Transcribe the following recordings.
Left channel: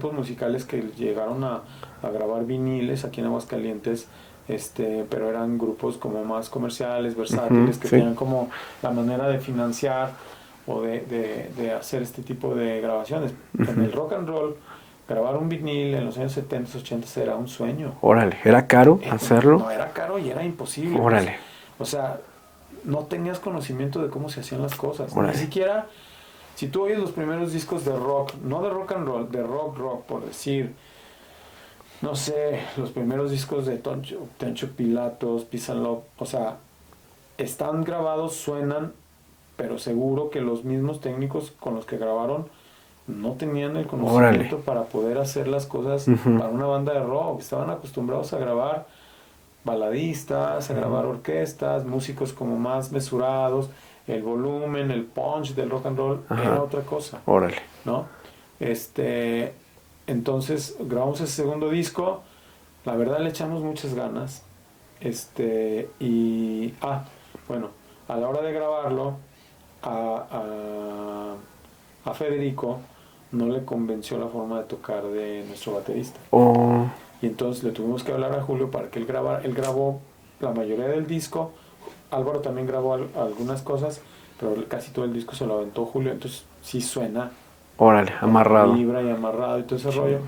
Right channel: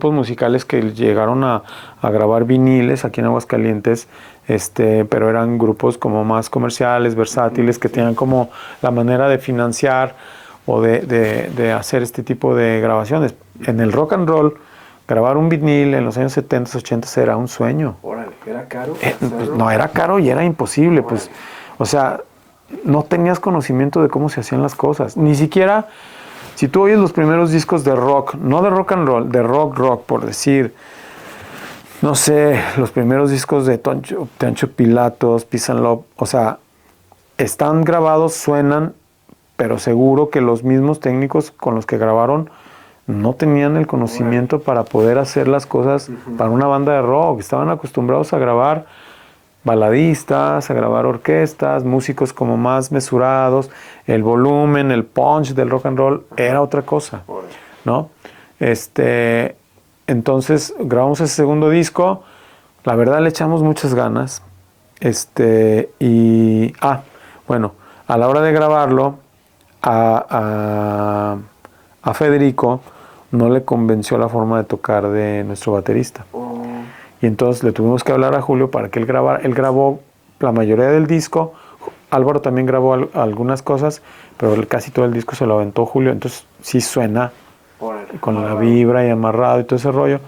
grupos musicales que llegaron a grabar viniles aquí en Aguascalientes, pero eran grupos como más comerciales, versátiles, que tenían como la manera de financiar o de hacer este tipo de grabaciones. En el rock and roll, grabar un vinil en los años 70, 80 era un sueño. Órale, ¿era caro hacerlo? No, era caro y era imposible. Órale. Pues, o sea, no tenías conocimiento de cómo se hacían las cosas. Órale. Ni siquiera, si tú oyes los primeros discos de rock, no de rock and roll, de rock, por decir, no sé, los primeros discos de Toncho Pilatos, Peace and Love, o sea, están grabados, suenan, pero seguro que los mismos técnicos con los que grabaron no tenían el conocimiento para poder hacer las cosas para una banda de rock. Estaban acostumbrados a grabar baladistas, a grabar orquestas, músicos como más mesurados, el volumen, el punch del rock and roll era otra cosa. Órale. ¿No? Entonces grabamos ese segundo disco, la verdad le echamos muchas ganas, bueno, a la hora de grabarlo, a Federico no le convenció la forma de tocar de nuestro baterista. Oh. Y entonces le tuvimos que hablar a Julio para que él grabara. Él grabó la mayoría del disco. Álvaro también grabó algunas cosas, pero casi todo el disco se lo aventó Julio. Entonces sí suena. Órale, con amarrado. la vibra y amarrado y todo ese rollo.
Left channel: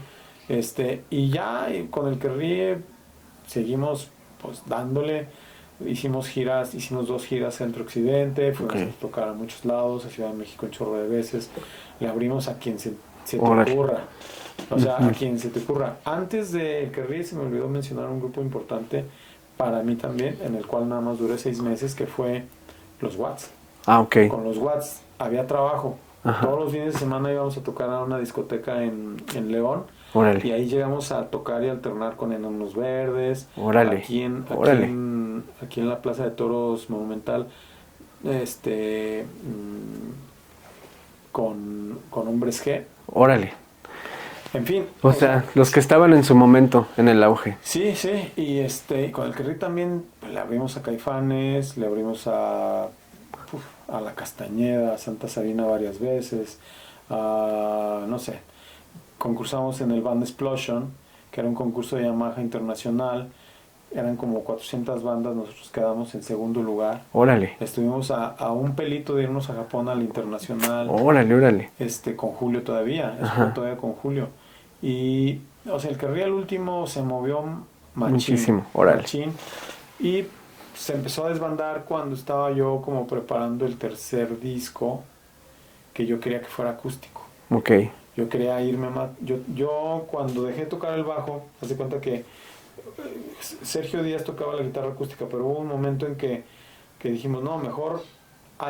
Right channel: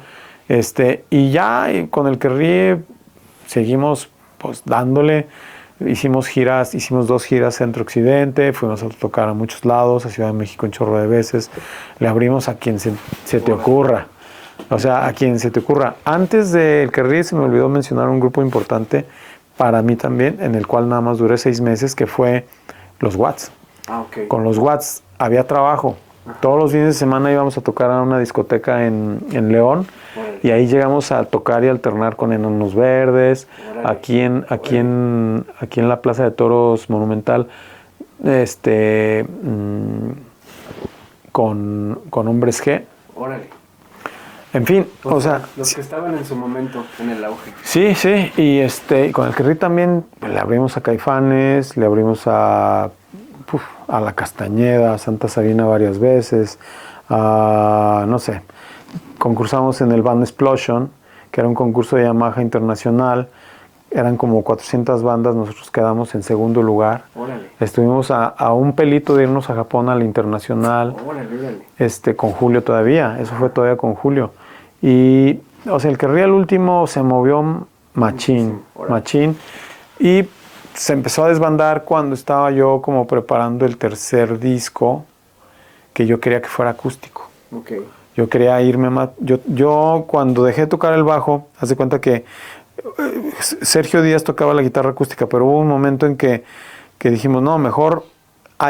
Y ya con el que ríe seguimos pues dándole. Hicimos 2 giras centro-occidente, fuimos a tocar a muchos lados, a Ciudad de México un chorro de veces. Le abrimos a quien se te ocurra. O sea, a quien se te ocurra. Antes del que ríe se me olvidó mencionar un grupo importante para mí también, en el cual nada más duré 6 meses, que fue los Watts. Ah, ok. Con los Watts había trabajo. Todos los fines de semana íbamos a tocar a una discoteca en León. Órale. Y ahí llegamos a tocar y alternar con Enanos Verdes. Órale. Aquí en la Plaza de Toros Monumental, con Hombres G. Órale. En fin, o sea, los que estaban en su momento, en el auge. Sí, sí, y con el Kerry también le abrimos a Caifanes, le abrimos a La Castañeda, a Santa Sabina varias veces, no sé, concursamos en el Band Explosion, que era un concurso de Yamaha internacional, eran como 400 bandas, nosotros quedamos en segundo lugar. Órale. Estuvimos a un pelito de irnos a Japón al internacional. Órale, órale. Con Julio todavía, eso fue todavía con Julio. Y, o sea, el que ríe al último se movió machín, y se empezó a desbandar cuando estaba yo como preparando el tercer disco, que yo quería que fuera acústico. Ok. Yo quería irme más, yo cuando dejé de tocar el bajo, haz de cuenta que Sergio Díaz tocaba la guitarra acústica, pero hubo un momento en que dijimos, no, mejor...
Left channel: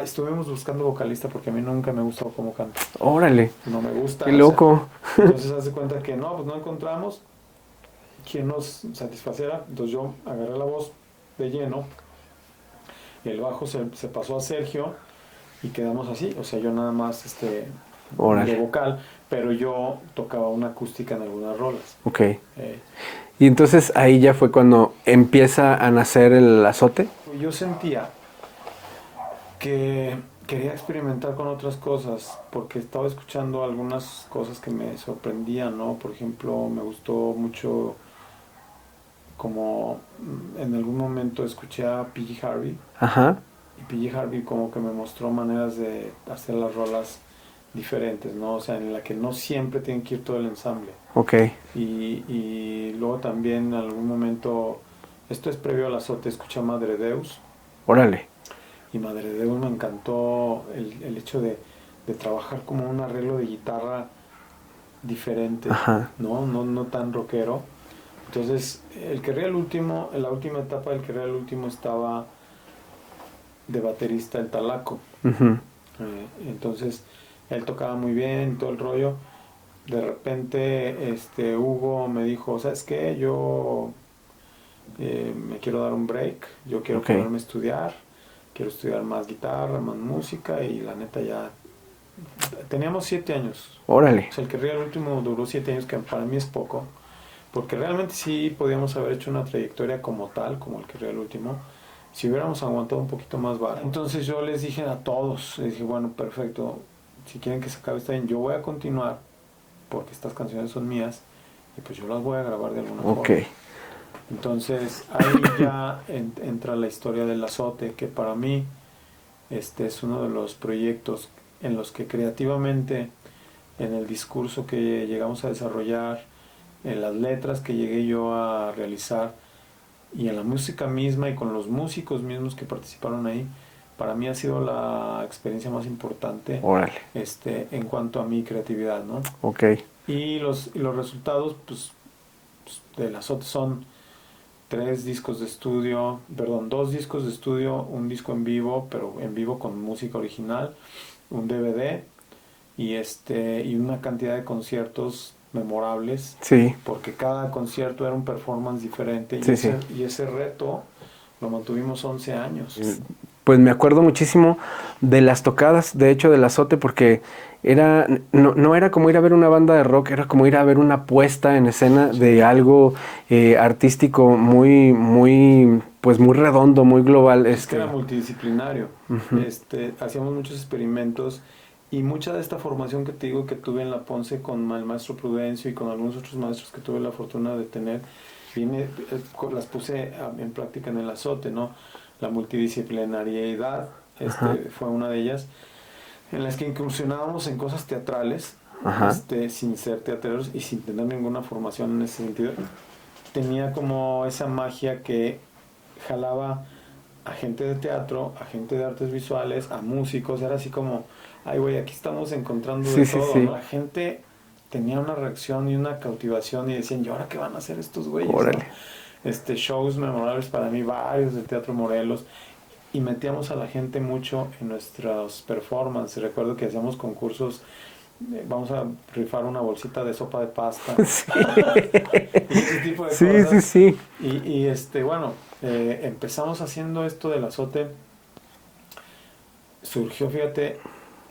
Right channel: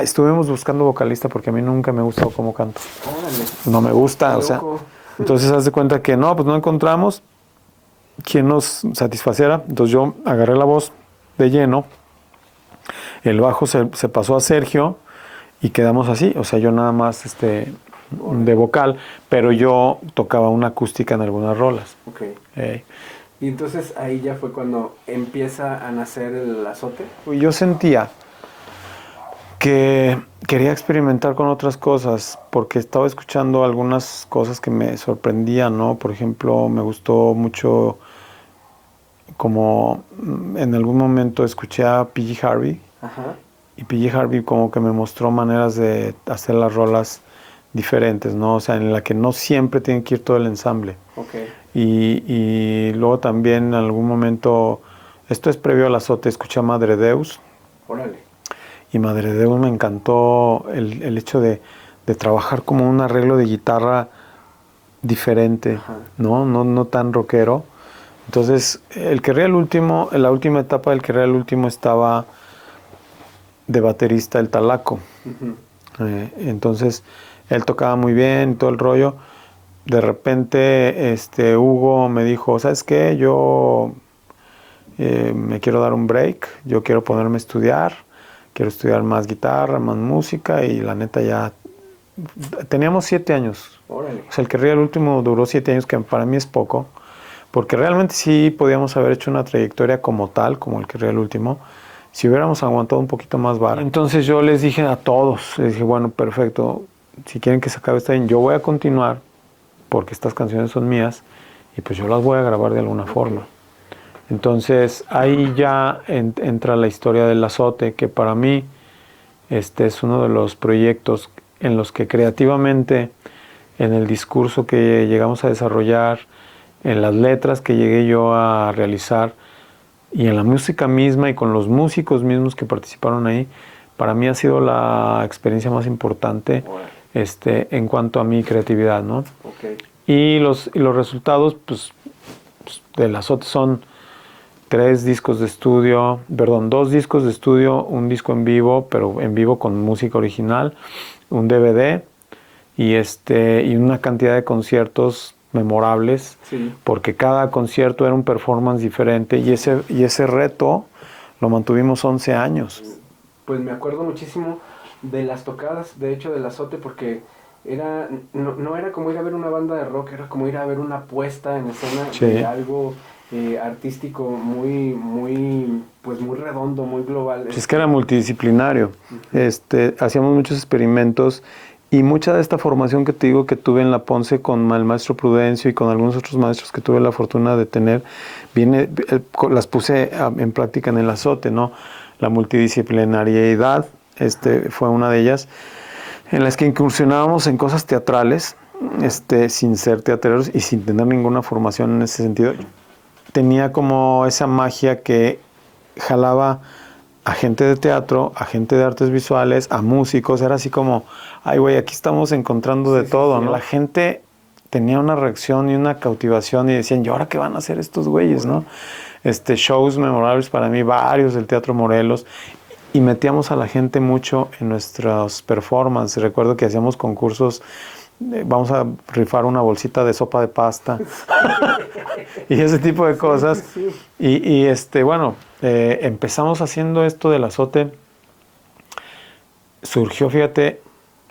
estuvimos buscando vocalista porque a mí nunca me ha gustado cómo canto. Órale. No me gusta. Qué loco. Entonces, haz de cuenta que no, pues no encontramos quien nos satisfaciera. Entonces yo agarré la voz de lleno, el bajo se pasó a Sergio y quedamos así. O sea, yo nada más de vocal, pero yo tocaba una acústica en algunas rolas. Ok. Y entonces ahí ya fue cuando empieza a nacer el azote. Yo sentía que quería experimentar con otras cosas, porque estaba escuchando algunas cosas que me sorprendían, ¿no? Por ejemplo, me gustó mucho, como en algún momento escuché a PG Harvey. Ajá. Y PG Harvey como que me mostró maneras de hacer las rolas diferentes, ¿no? O sea, en la que no siempre tiene que ir todo el ensamble. Ok. Y luego también en algún momento, esto es previo al azote, escuché a Madre Deus. Órale. Y Madre Deus me encantó el hecho de trabajar como un arreglo de guitarra diferente, no tan rockero. Entonces, el que ríe el último, en la última etapa del que ríe el último estaba de baterista el Talaco. Entonces, él tocaba muy bien, todo el rollo. De repente, Hugo me dijo, ¿sabes qué? Yo me quiero dar un break, yo quiero ponerme a estudiar. Quiero estudiar más guitarra, más música, y la neta ya... Teníamos 7 años. Órale. O sea, el que ríe el último duró 7 años, que para mí es poco, porque realmente sí podíamos haber hecho una trayectoria como tal, como el que ríe el último, si hubiéramos aguantado un poquito más vara. Entonces yo les dije a todos, les dije, bueno, perfecto, si quieren que se acabe está bien, yo voy a continuar porque estas canciones son mías y pues yo las voy a grabar de alguna forma. Entonces ahí ya entra la historia del azote, que para mí es uno de los proyectos en los que creativamente, en el discurso que llegamos a desarrollar, en las letras que llegué yo a realizar y en la música misma y con los músicos mismos que participaron ahí, para mí ha sido la experiencia más importante en cuanto a mi creatividad, ¿no? Y los resultados pues, del azote son 2 discos de estudio, un disco en vivo, pero en vivo con música original, un DVD y una cantidad de conciertos memorables, porque cada concierto era un performance diferente y ese reto lo mantuvimos 11 años. Pues me acuerdo muchísimo de las tocadas, de hecho, del azote, porque no era como ir a ver una banda de rock, era como ir a ver una puesta en escena de algo artístico muy redondo, muy global. Es que era multidisciplinario. Hacíamos muchos experimentos y mucha de esta formación que te digo que tuve en la Ponce con el maestro Prudencio y con algunos otros maestros que tuve la fortuna de tener, las puse en práctica en el azote, ¿no? La multidisciplinariedad fue una de ellas, en las que incursionábamos en cosas teatrales, sin ser teatreros y sin tener ninguna formación en ese sentido. Tenía como esa magia que jalaba a gente de teatro, a gente de artes visuales, a músicos. Era así como, ay güey, aquí estamos encontrando de todo, ¿no? La gente tenía una reacción y una cautivación y decían, ¿y ahora qué van a hacer estos güeyes, no? Shows memorables para mí, varios del Teatro Morelos, y metíamos a la gente mucho en nuestras performances. Recuerdo que hacíamos concursos, vamos a rifar una bolsita de sopa de pasta y ese tipo de cosas. Y empezamos haciendo esto del azote. Surgió, fíjate,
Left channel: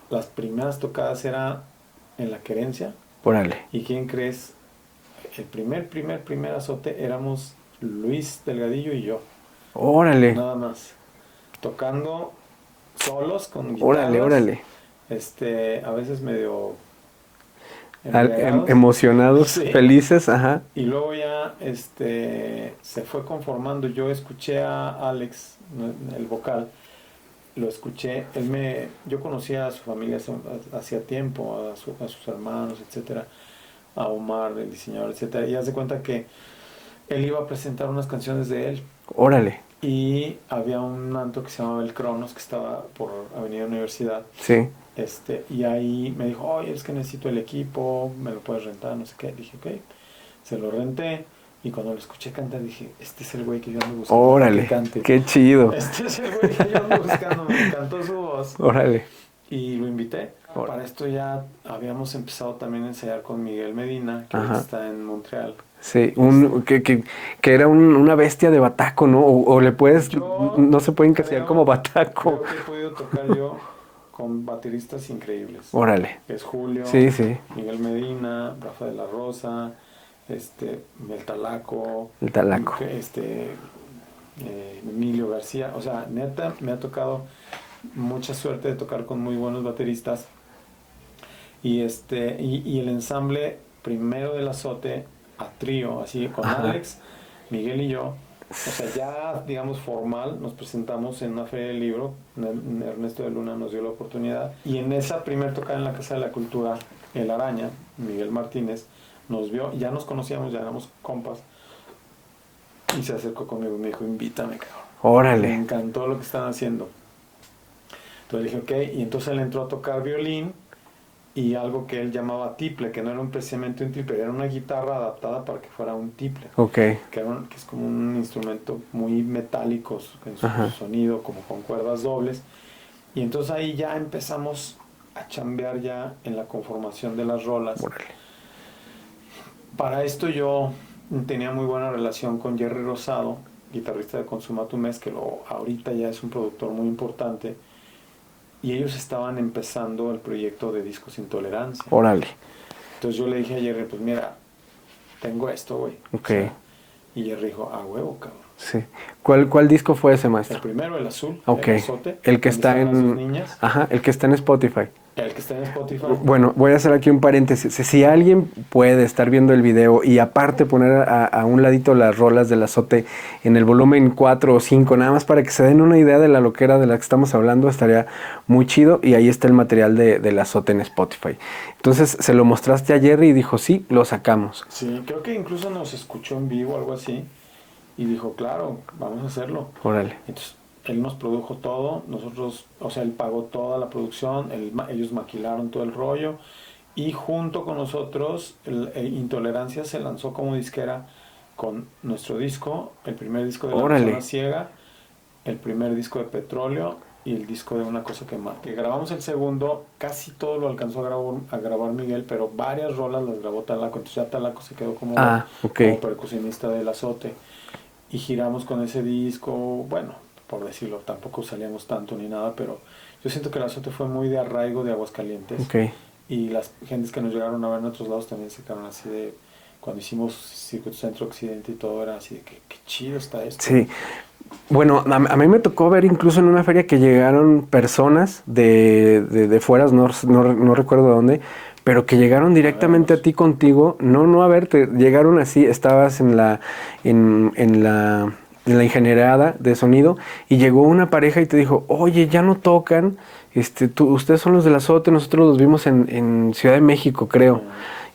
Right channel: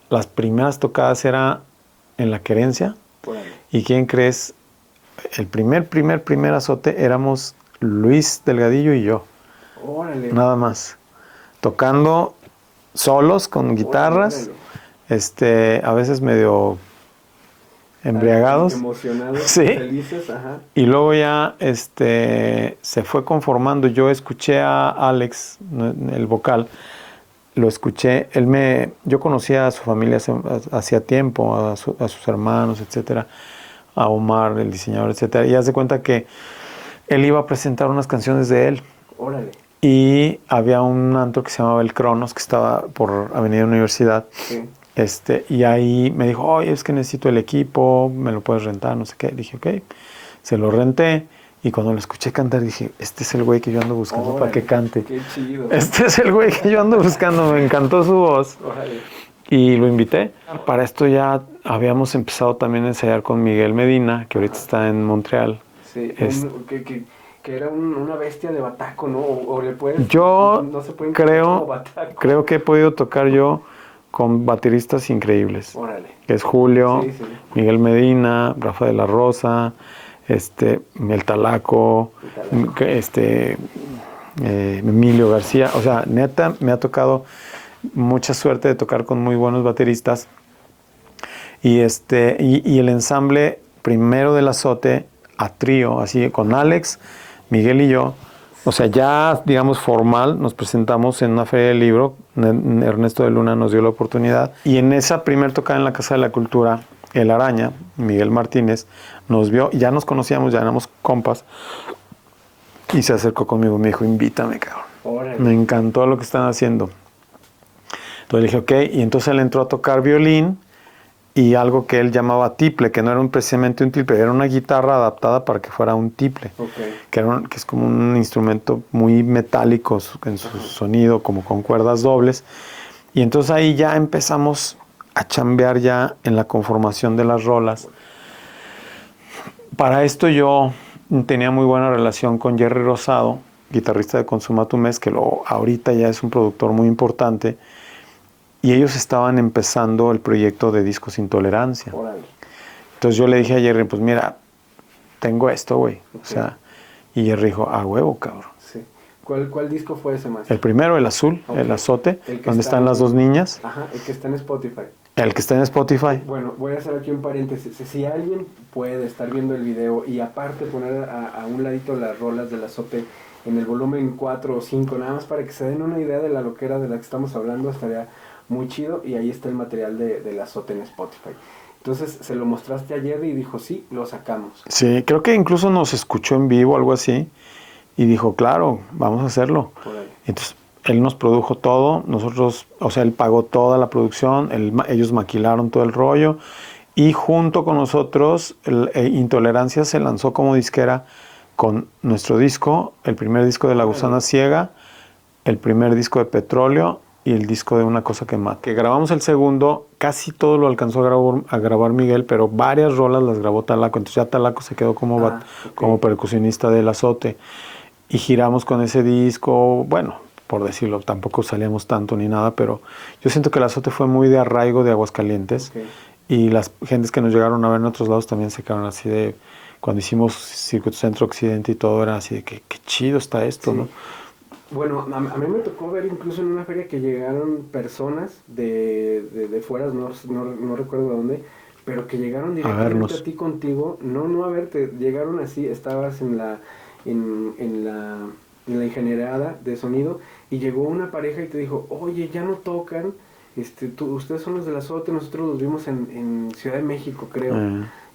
las primeras tocadas era en La Querencia. ¿Y quién crees? El primer azote éramos Luis Delgadillo y yo. Nada más. Tocando solos con guitarras. A veces medio embriagados. Emocionados, felices, Y luego ya se fue conformando. Yo escuché a Alex, el vocal, lo escuché. Yo conocía a su familia hacía tiempo, a sus hermanos, etcétera, a Omar, el diseñador, etcétera. Y haz de cuenta que él iba a presentar unas canciones de él. Y había un antro que se llamaba El Cronos, que estaba por Avenida Universidad. Y ahí me dijo, oye, es que necesito el equipo, me lo puedes rentar, no sé qué. Dije, ok. Se lo renté. Y cuando lo escuché cantar, dije, este es el güey que yo ando buscando para que cante. ¡Qué chido! Este es el güey que yo ando buscando. Me encantó su voz. Y lo invité. Para esto ya habíamos empezado también a ensayar con Miguel Medina, que ahorita está en Montreal. Que era una bestia de bataco, ¿no? O le puedes... no se pueden creer como bataco. Creo que he podido tocar yo con bateristas increíbles. Que es Julio, Miguel Medina, Rafa de la Rosa, el Talaco, Emilio García. O sea, neta, me ha tocado mucha suerte de tocar con muy buenos bateristas. Y el ensamble primero del azote a trío, así con Alex, Miguel y yo. O sea, ya, digamos, formal, nos presentamos en una feria del libro. Ernesto de Luna nos dio la oportunidad. Y en esa primer tocada en la Casa de la Cultura, El Araña, Miguel Martínez, nos vio, ya nos conocíamos, ya éramos compas. Y se acercó conmigo y me dijo, invítame, cabrón. Me encantó lo que están haciendo. Entonces le dije, ok. Y entonces él entró a tocar violín y algo que él llamaba tiple, que no era precisamente un tiple, era una guitarra adaptada para que fuera un tiple. Que es como un instrumento muy metálico en su sonido, como con cuerdas dobles. Y entonces ahí ya empezamos a chambear ya en la conformación de las rolas. Para esto yo tenía muy buena relación con Jerry Rosado, guitarrista de Consumatumés, que ahorita ya es un productor muy importante. Y ellos estaban empezando el proyecto de Discos Intolerancia. Entonces yo le dije a Jerry, pues mira, tengo esto, güey. O sea, y Jerry dijo, a huevo, cabrón. ¿Cuál disco fue ese, maestro? El primero, el azul, el azote, el que donde están las dos niñas. El que está en Spotify. El que está en Spotify. Bueno, voy a hacer aquí un paréntesis. Si alguien puede estar viendo el video y aparte poner a un ladito las rolas del Azote en el volumen 4 o 5, nada más para que se den una idea de la loquera de la que estamos hablando, estaría muy chido. Y ahí está el material del Azote en Spotify. Entonces se lo mostraste a Jerry y dijo, sí, lo sacamos. Sí, creo que incluso nos escuchó en vivo, algo así, y dijo, claro, vamos a hacerlo. Órale. Entonces, él nos produjo todo, nosotros, o sea, él pagó toda la producción, ellos maquilaron todo el rollo, y junto con nosotros, Intolerancia se lanzó como disquera con nuestro disco, el primer disco de La Órale. Gusana Ciega, el primer disco de Petróleo y el disco de Una Cosa que Mata. Que grabamos el segundo, casi todo lo alcanzó a grabar Miguel, pero varias rolas las grabó Talaco, entonces ya Talaco se quedó como percusionista del Azote. Y giramos con ese disco, bueno, por decirlo, tampoco salíamos tanto ni nada, pero yo siento que el Azote fue muy de arraigo de Aguascalientes. Okay. Y las gentes que nos llegaron a ver en otros lados también se quedaron así de... Cuando hicimos Circuito Centro Occidente y todo, era así de que qué chido está esto. Sí. ¿No? Bueno, a mí me tocó ver incluso en una feria que llegaron personas de fuera, no recuerdo de dónde, pero que llegaron directamente a ti contigo, no a verte, llegaron así, estabas en la ingeniería de sonido y llegó una pareja y te dijo, oye, ya no tocan, ustedes son los del Azote, nosotros los vimos en Ciudad de México, creo.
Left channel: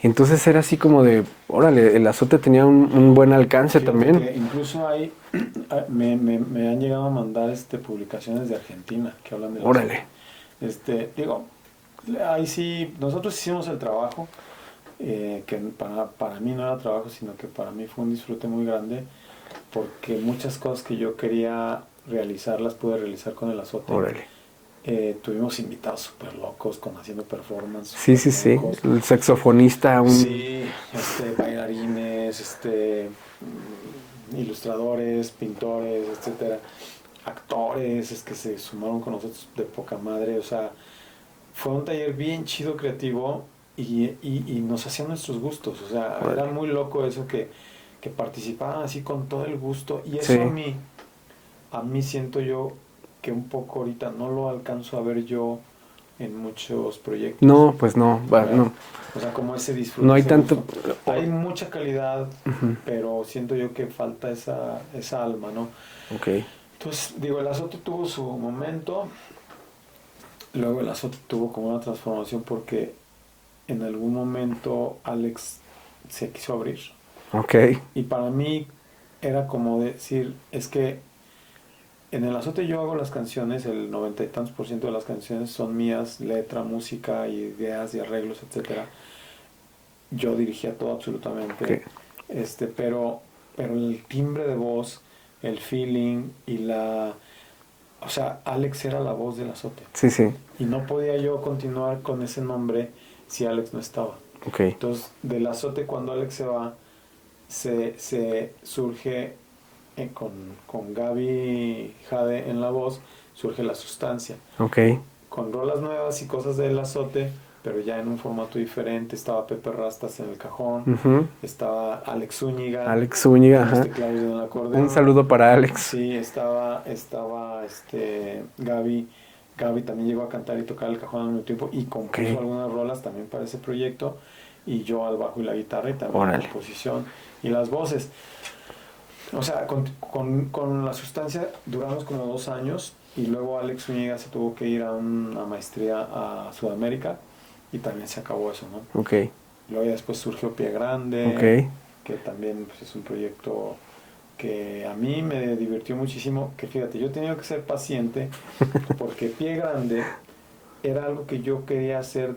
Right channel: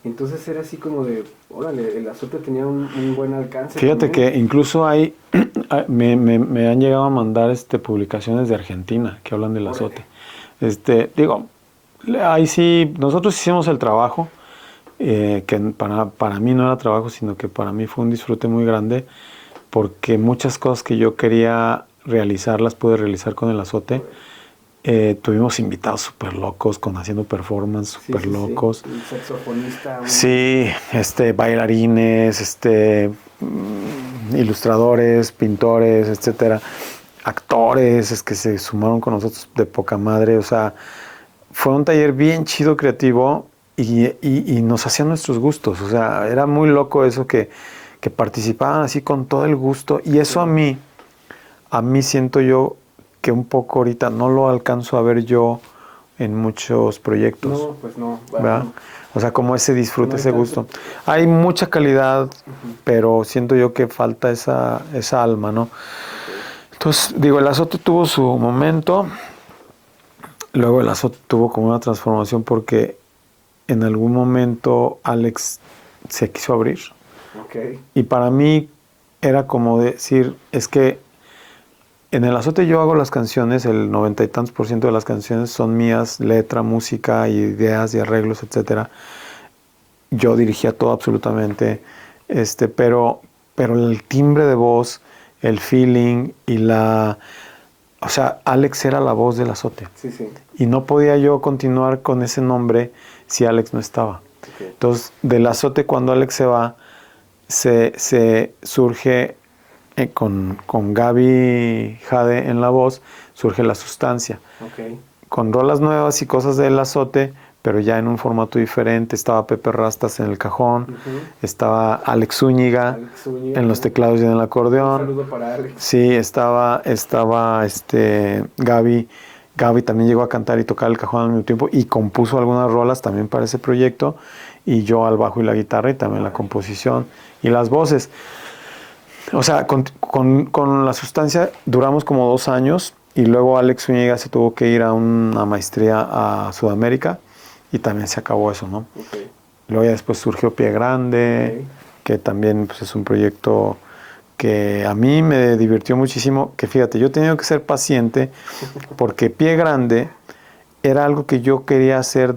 Y entonces era así como de, órale, el Azote tenía un buen alcance. Fíjate también. que incluso hay, me han llegado a mandar publicaciones de Argentina que hablan del Azote. Digo, ahí sí, nosotros hicimos el trabajo, que para mí no era trabajo, sino que para mí fue un disfrute muy grande, porque muchas cosas que yo quería realizar las pude realizar con el Azote. Tuvimos invitados súper locos haciendo performance súper locos. El saxofonista. Sí, bailarines, ilustradores, pintores, etcétera, actores, es que se sumaron con nosotros de poca madre. O sea, fue un taller bien chido, creativo, y nos hacían nuestros gustos. O sea, era muy loco eso que participaban así con todo el gusto. Y eso a mí siento yo que un poco ahorita no lo alcanzo a ver yo en muchos proyectos. No, pues no. No. O sea, como ese disfrute, ese gusto. Hay mucha calidad, pero siento yo que falta esa alma, ¿no? Okay. Entonces, digo, el Azote tuvo su momento, luego el Azote tuvo como una transformación porque en algún momento Alex se quiso abrir. Okay. Y para mí era como decir, es que en el Azote yo hago las canciones, el 90 y tantos % de las canciones son mías, letra, música, ideas y arreglos, etcétera. Yo dirigía todo absolutamente, pero el timbre de voz, el feeling y o sea, Alex era la voz del Azote. Sí, sí. Y no podía yo continuar con ese nombre si Alex no estaba. Okay. Entonces, del Azote cuando Alex se va, se surge con Gaby Jade en la voz, surge La Sustancia. Okay. Con rolas nuevas y cosas del Azote, pero ya en un formato diferente. Estaba Pepe Rastas en el cajón, estaba Alex Zúñiga en los teclados y en el acordeón. Un saludo para Alex. Sí, estaba Gaby. Gaby también llegó a cantar y tocar el cajón al mismo tiempo y compuso algunas rolas también para ese proyecto, y yo al bajo y la guitarra y también la composición y las voces. O sea, con La Sustancia duramos como 2 años y luego Alex Zúñiga se tuvo que ir a una maestría a Sudamérica y también se acabó eso, ¿no? Okay. Luego ya después surgió Pie Grande, que también pues, es un proyecto que a mí me divirtió muchísimo, que fíjate, yo he tenido que ser paciente porque Pie Grande era algo que yo quería hacer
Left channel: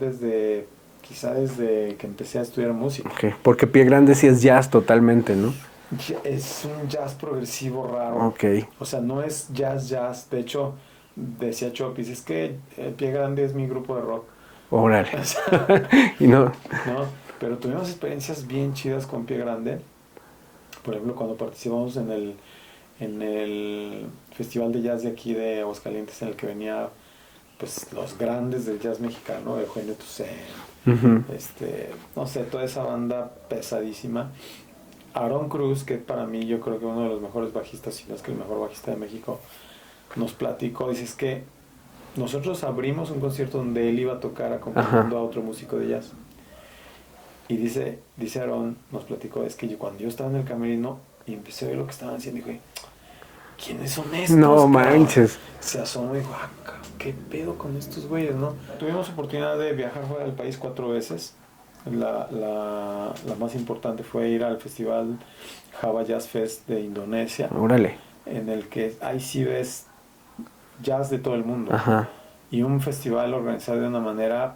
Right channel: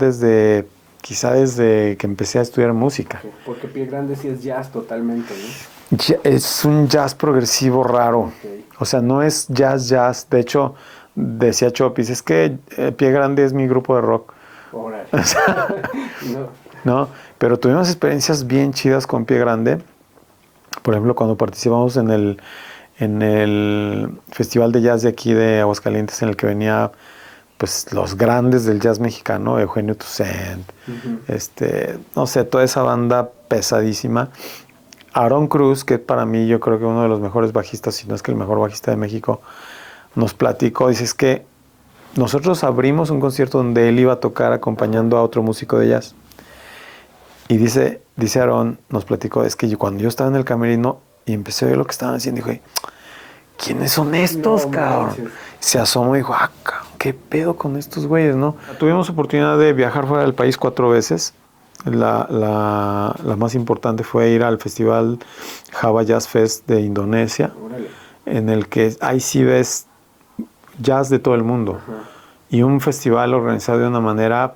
quizá desde que empecé a estudiar música. Okay. Porque Pie Grande sí es jazz totalmente, ¿no? Es un jazz progresivo raro. Okay. O sea, no es jazz. De hecho, decía Chopis, es que Pie Grande es mi grupo de rock. Órale. O sea, no, pero tuvimos experiencias bien chidas con Pie Grande. Por ejemplo, cuando participamos en el Festival de Jazz de aquí de Aguascalientes, en el que venía pues los grandes del jazz mexicano, Eugenio Toussaint, no sé, toda esa banda pesadísima. Aarón Cruz, que para mí yo creo que uno de los mejores bajistas, si no es que el mejor bajista de México, nos platicó, dice, es que nosotros abrimos un concierto donde él iba a tocar acompañando a otro músico de jazz. Y dice Aarón, nos platicó, es que cuando yo estaba en el camerino y empecé a ver lo que estaban haciendo, dije, ¿quiénes son estos? No cabrón? manches. Se asomó y dijo, ¿qué pedo con estos güeyes, no? Tuvimos oportunidad de viajar fuera del país 4 veces. La más importante fue ir al festival Java Jazz Fest de Indonesia. Órale. En el que ahí sí ves jazz de todo el mundo. Ajá. Y un festival organizado de una manera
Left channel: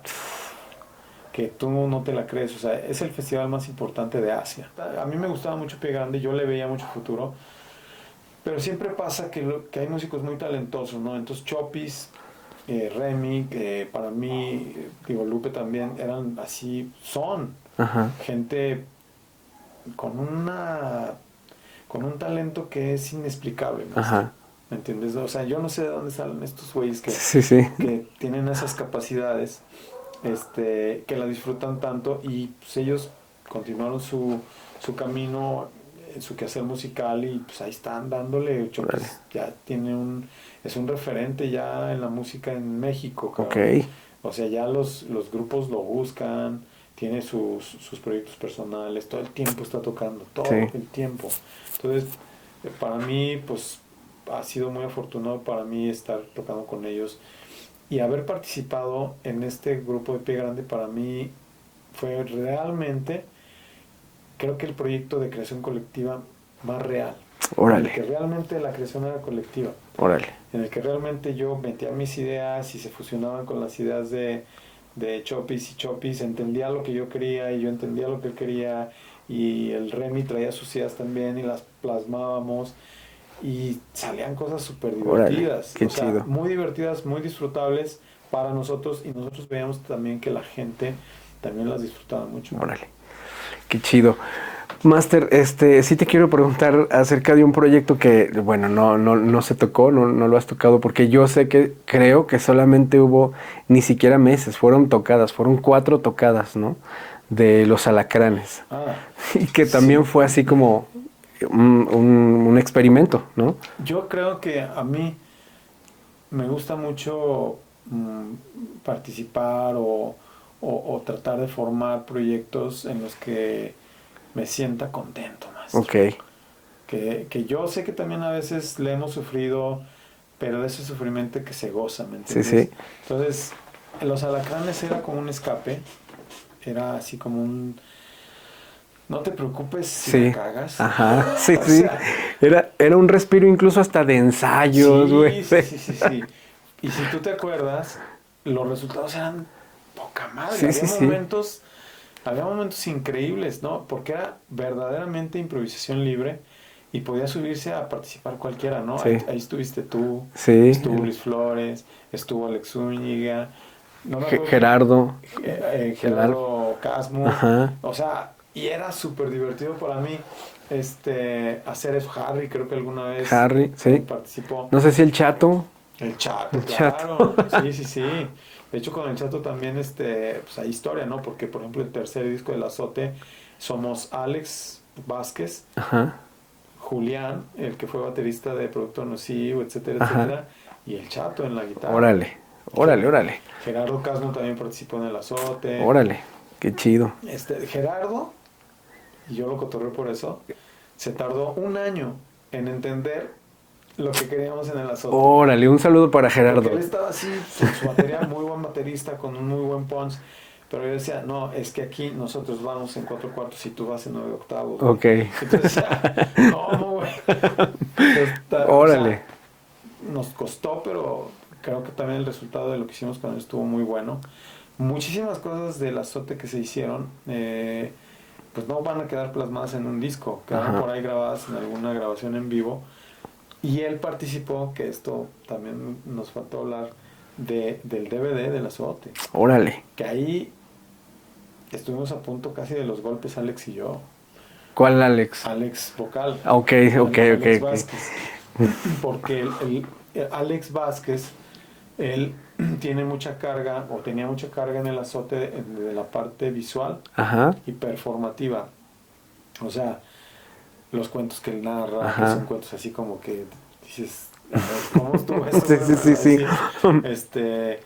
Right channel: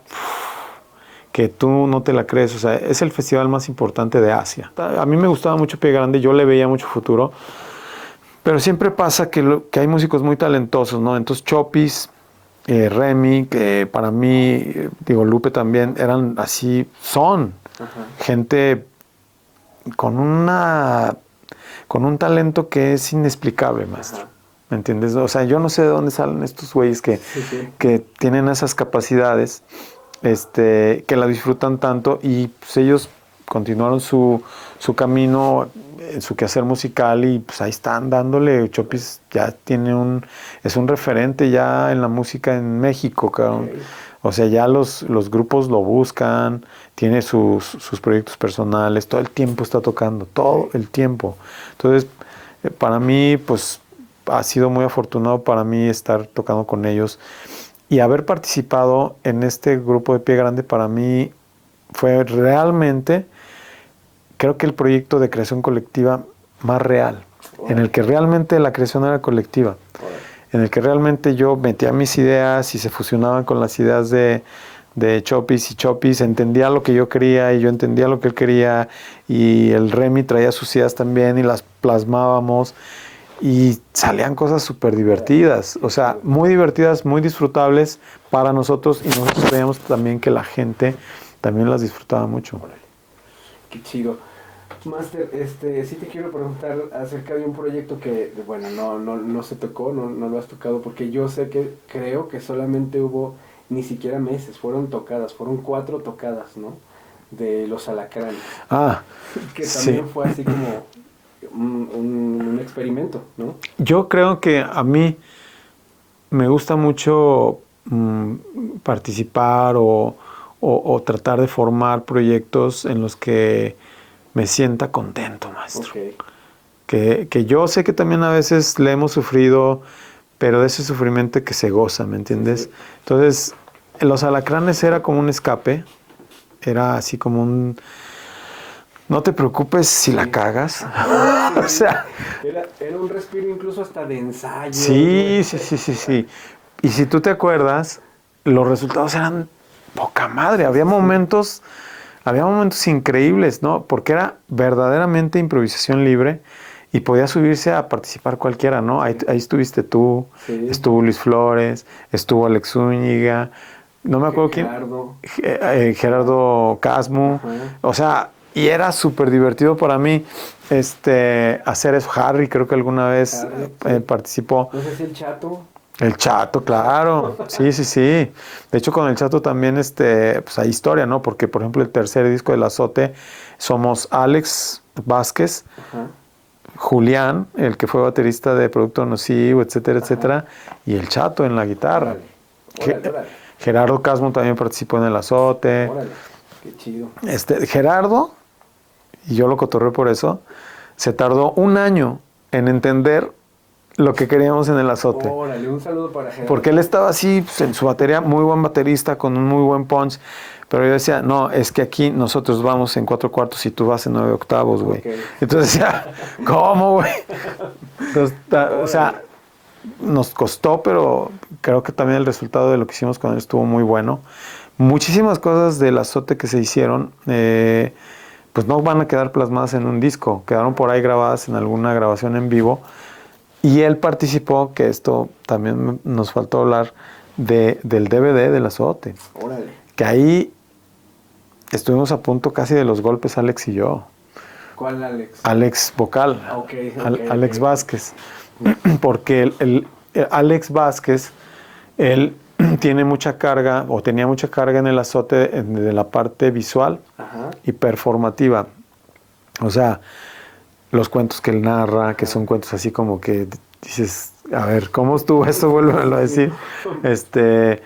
que tú no te la crees. O sea, es el festival más importante de Asia. A mí me gustaba mucho Pie Grande, yo le veía mucho futuro. Pero siempre pasa que hay músicos muy talentosos, ¿no? Entonces Chopis, Remy, que para mí, digo, Lupe también, eran así, son Ajá. gente con un talento que es inexplicable, maestro. Ajá. ¿Me entiendes? O sea, yo no sé de dónde salen estos güeyes que tienen esas capacidades, que la disfrutan tanto y pues ellos continuaron su camino, su quehacer musical y pues ahí están dándole. Chopis ya es un referente ya en la música en México, cabrón. Okay. O sea, ya los grupos lo buscan, tiene sus proyectos personales, todo el tiempo está tocando, todo el tiempo. Entonces, para mí, pues, ha sido muy afortunado para mí estar tocando con ellos y haber participado en este grupo de Pie Grande para mí fue realmente, creo que el proyecto de creación colectiva más real, en el que realmente la creación era colectiva, en el que realmente yo metía mis ideas y se fusionaban con las ideas de Chopis y Chopis entendía lo que yo quería y yo entendía lo que él quería y el Remy traía sus ideas también y las plasmábamos y salían cosas súper divertidas, o sea, chido. Muy divertidas, muy disfrutables para nosotros y nosotros veíamos también que la gente también las disfrutaba mucho. Órale, qué chido. Máster, sí te quiero preguntar acerca de un proyecto que, bueno, no se tocó, no lo has tocado, porque yo sé que creo que solamente hubo ni siquiera meses, fueron 4 tocadas, ¿no? De Los Alacranes. Y que también fue así como un experimento, ¿no? Yo creo que a mí me gusta mucho participar o tratar de formar proyectos en los que me sienta contento, maestro. Ok. Que yo sé que también a veces le hemos sufrido, pero de ese sufrimiento que se goza, ¿me entiendes? Sí. Entonces, Los Alacranes era como un escape, era así como un... No te preocupes si la cagas. Ajá. Sí, o sea, era un respiro incluso hasta de ensayo. Sí. Y si tú te acuerdas, los resultados eran poca madre. Había momentos increíbles, ¿no? Porque era verdaderamente improvisación libre y podía subirse a participar cualquiera, ¿no? Sí. Ahí estuviste tú, estuvo Luis Flores, estuvo Alex Zúñiga, no me acuerdo Gerardo Casmo. Ajá. O sea, y era súper divertido para mí hacer eso. Harry creo que alguna vez participó. No sé si el Chato. El Chato, claro. Sí. De hecho, con el Chato también pues hay historia, ¿no? Porque, por ejemplo, el tercer disco del Azote somos Alex Vázquez, Julián, el que fue baterista de Producto Nocivo, etcétera, y el Chato en la guitarra. Órale. Gerardo Casmo también participó en el Azote. Órale, qué chido. Gerardo, y yo lo cotorré por eso, se tardó 1 año en entender lo que queríamos en el Azote. Órale, un saludo para Gerardo. Porque él estaba así, pues, en su batería, muy buen baterista, con un muy buen punch. Pero yo decía, no, es que aquí nosotros vamos en 4/4 y tú vas en 9/8, güey. Okay. Entonces decía, ¿cómo, güey? O sea, nos costó, pero creo que también el resultado de lo que hicimos con él estuvo muy bueno. Muchísimas cosas del Azote que se hicieron, pues no van a quedar plasmadas en un disco. Quedaron por ahí grabadas en alguna grabación en vivo. Y él participó, que esto también nos faltó hablar, del DVD del Azote. Órale. Que ahí estuvimos a punto casi de los golpes, Alex y yo. ¿Cuál Alex? Alex vocal. Alex Vázquez. Porque el Alex Vázquez, él tiene mucha carga, o tenía mucha carga en el Azote de la parte visual y performativa. O sea, los cuentos que él narra, que son cuentos así como que dices, A ver, ¿cómo estuvo eso? Sí, Vuelve a sí, sí. decir.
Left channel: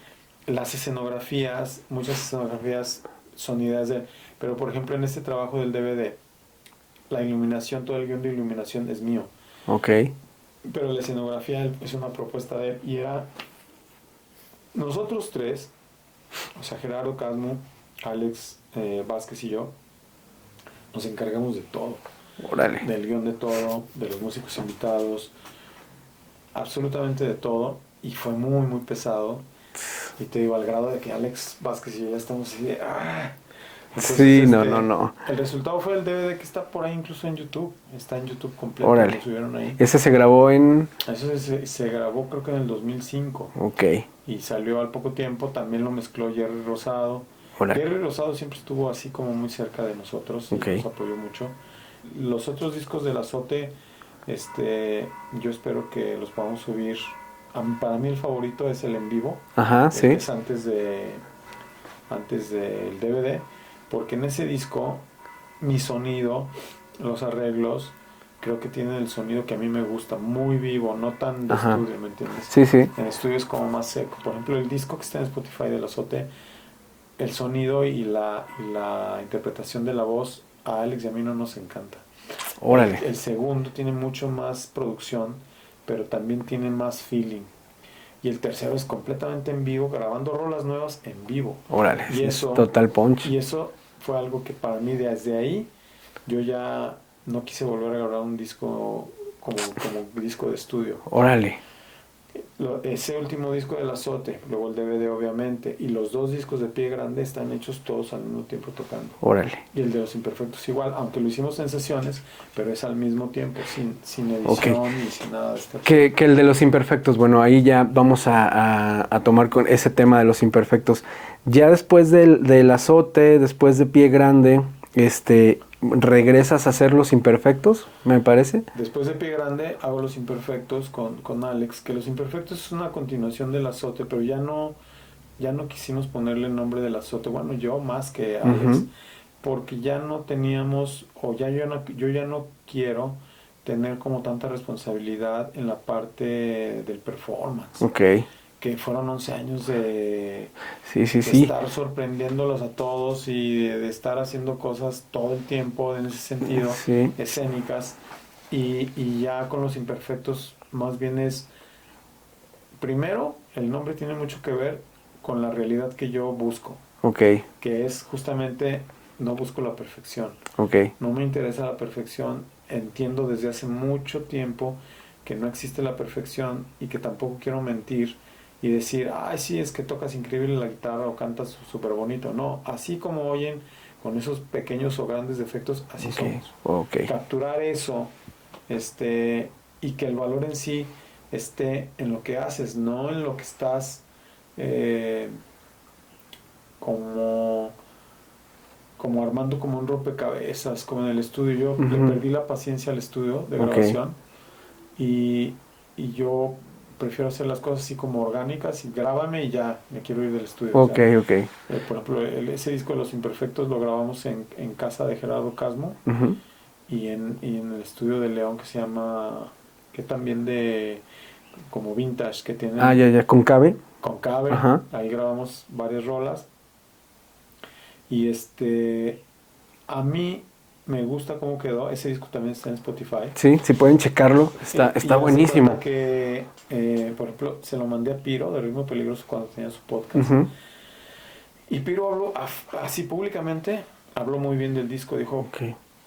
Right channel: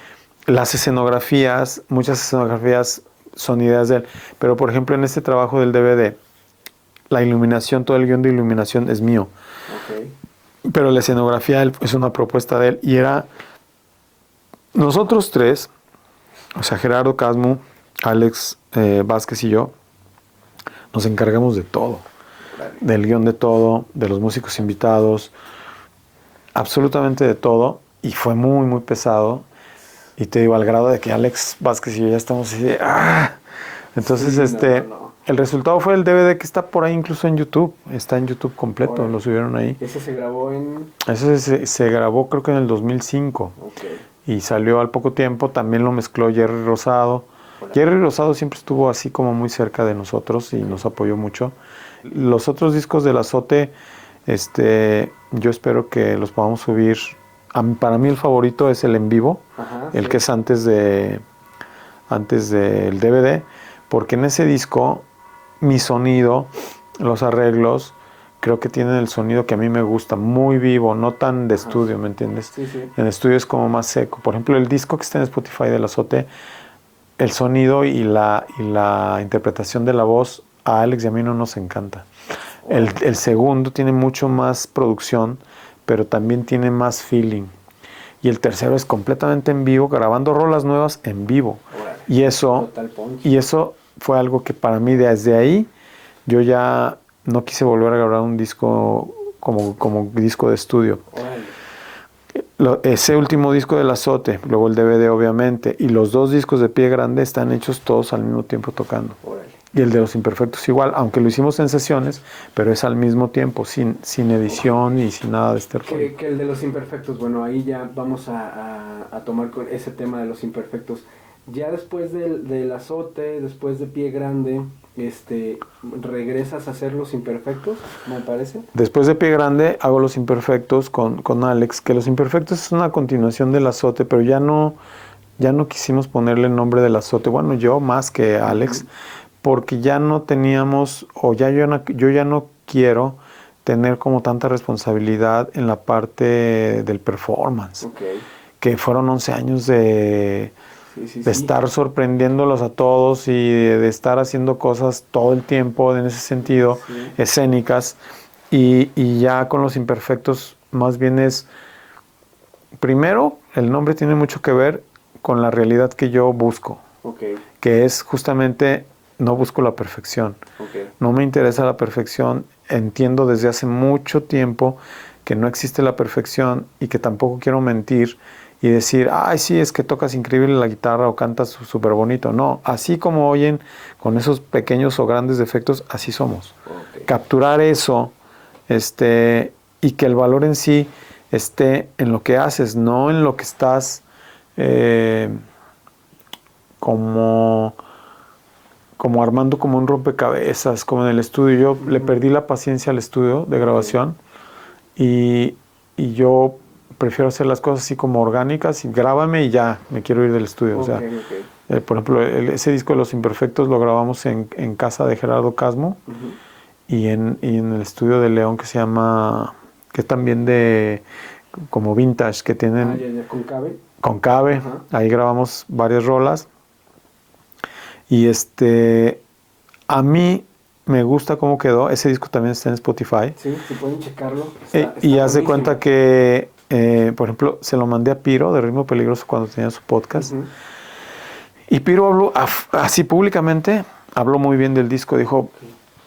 Las escenografías, muchas escenografías son ideas de él. Pero, por ejemplo, en este trabajo del DVD, la iluminación, todo el guión de iluminación es mío. Ok. Pero la escenografía es una propuesta de él. Y era nosotros tres, o sea, Gerardo Casmo, Alex Vázquez y yo, nos encargamos de todo. Órale. Del guión de todo, de los músicos invitados, absolutamente de todo. Y fue muy, muy pesado. Y te digo, al grado de que Alex Vázquez y yo ya estamos así de... ¡ah! Entonces, Sí, no. el resultado fue el DVD que está por ahí incluso en YouTube. Está en YouTube completo, Órale. lo subieron ahí. Ese se grabó en... Eso se grabó creo que en el 2005. Ok. Y salió al poco tiempo, también lo mezcló Jerry Rosado. Órale. Jerry Rosado siempre estuvo así como muy cerca de nosotros y Ok. nos apoyó mucho. Los otros discos del Azote, yo espero que los podamos subir. Para mí el favorito es el en vivo, Ajá, el sí. que es antes del DVD, porque en ese disco mi sonido, los arreglos, creo que tienen el sonido que a mí me gusta, muy vivo, no tan de Ajá. estudio, ¿me entiendes? Sí, sí. En estudio es como más seco. Por ejemplo, el disco que está en Spotify del Azote, el sonido y la interpretación de la voz a Alex y a mí no nos encanta. El segundo tiene mucho más producción, pero también tiene más feeling. Y el tercero es completamente en vivo, grabando rolas nuevas en vivo. Órale. Y eso, Total punch. y eso fue algo que para mí desde ahí yo ya no quise volver a grabar un disco como disco de estudio. Órale. Ese último disco del Azote, luego el DVD obviamente, y los dos discos de Pie Grande están hechos todos al mismo tiempo tocando. Órale. Y el de Los Imperfectos igual, aunque lo hicimos en sesiones, pero es al mismo tiempo, sin edición y sin nada de este Que el de los imperfectos, bueno, ahí ya vamos a tomar con ese tema de los imperfectos. Ya después del Azote, después de Pie Grande, regresas a hacer los imperfectos, me parece. Después de Pie Grande hago Los Imperfectos con Alex, que Los Imperfectos es una continuación del Azote, pero ya no quisimos ponerle el nombre del Azote, bueno, yo más que Alex, porque ya no teníamos, yo ya no quiero tener como tanta responsabilidad en la parte del performance. Ok. Que fueron 11 años de Sí. estar sorprendiéndolos a todos y de estar haciendo cosas todo el tiempo en ese sentido, Sí. escénicas. Y ya con Los Imperfectos más bien es, primero, el nombre tiene mucho que ver con la realidad que yo busco. Ok. Que es justamente, no busco la perfección. Ok. No me interesa la perfección. Entiendo desde hace mucho tiempo que no existe la perfección y que tampoco quiero mentir y decir, ay, sí, es que tocas increíble la guitarra o cantas súper bonito. No, así como oyen, con esos pequeños o grandes defectos, así somos. Ok. Capturar eso, y que el valor en sí esté en lo que haces, no en lo que estás como armando como un rompecabezas, como en el estudio. Yo le perdí la paciencia al estudio de grabación y yo prefiero hacer las cosas así como orgánicas y grábame y ya, me quiero ir del estudio. Ok. Por ejemplo, ese disco de Los Imperfectos lo grabamos en casa de Gerardo Casmo y en el estudio de León que se llama, que es también de como vintage, que tienen... ya, con Cabe. Con Cabe, Ajá. ahí grabamos varias rolas. Y a mí me gusta cómo quedó. Ese disco también está en Spotify. Sí, si pueden checarlo. Está y haz de buenísimo. cuenta que, por ejemplo, se lo mandé a Piro de Ritmo Peligroso cuando tenía su podcast. Y Piro habló así públicamente, habló muy bien del disco. Dijo,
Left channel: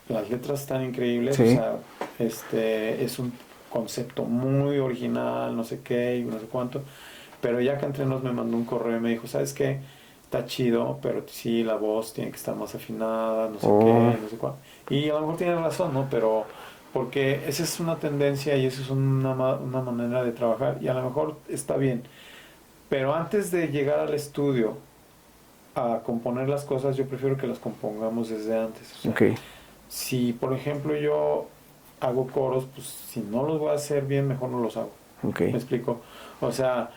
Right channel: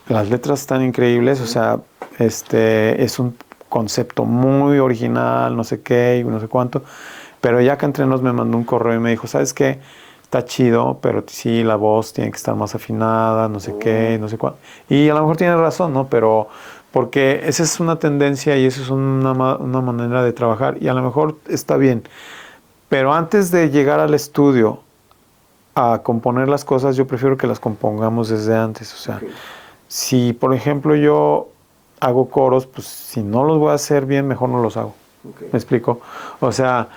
las letras están increíbles, Sí. o sea, es un concepto muy original, no sé qué y no sé cuánto. Pero ya que entre nos me mandó un correo y me dijo, ¿sabes qué? Está chido, pero sí, la voz tiene que estar más afinada, no sé qué, no sé cuánto. Y a lo mejor tiene razón, ¿no? Pero porque esa es una tendencia y esa es una manera de trabajar y a lo mejor está bien. Pero antes de llegar al estudio a componer las cosas, yo prefiero que las compongamos desde antes. O sea, si por ejemplo yo hago coros, pues si no los voy a hacer bien, mejor no los hago. ¿Me explico? O sea,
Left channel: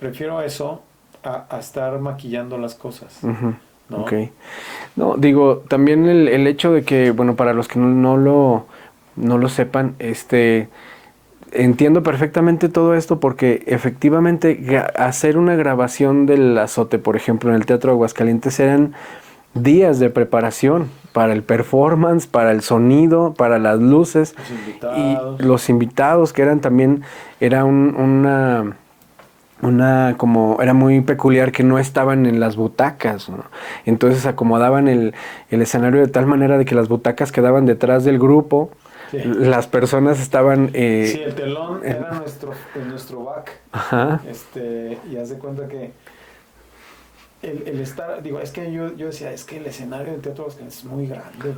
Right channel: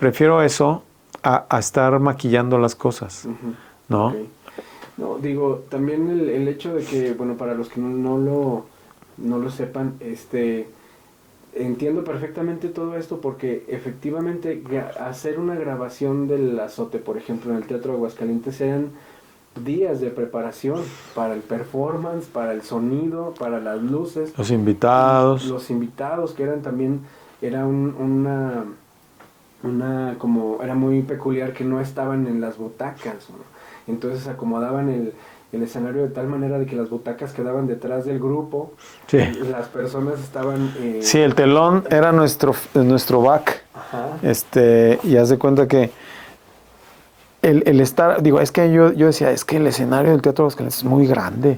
prefiero eso a estar maquillando las cosas, ¿no? No, digo, también el hecho de que, bueno, para los que no lo sepan, entiendo perfectamente todo esto porque efectivamente hacer una grabación del Azote, por ejemplo, en el Teatro de Aguascalientes eran días de preparación para el performance, para el sonido, para las luces. Los invitados. Y los invitados que eran también, era como era muy peculiar que no estaban en las butacas, ¿no? Entonces acomodaban el escenario de tal manera de que las butacas quedaban detrás del grupo. Sí. Las personas estaban... sí, el telón era nuestro back. Ajá. Y haz de cuenta que el estar... Digo, es que yo decía, es que el escenario del Teatro Aguascalientes es muy grande.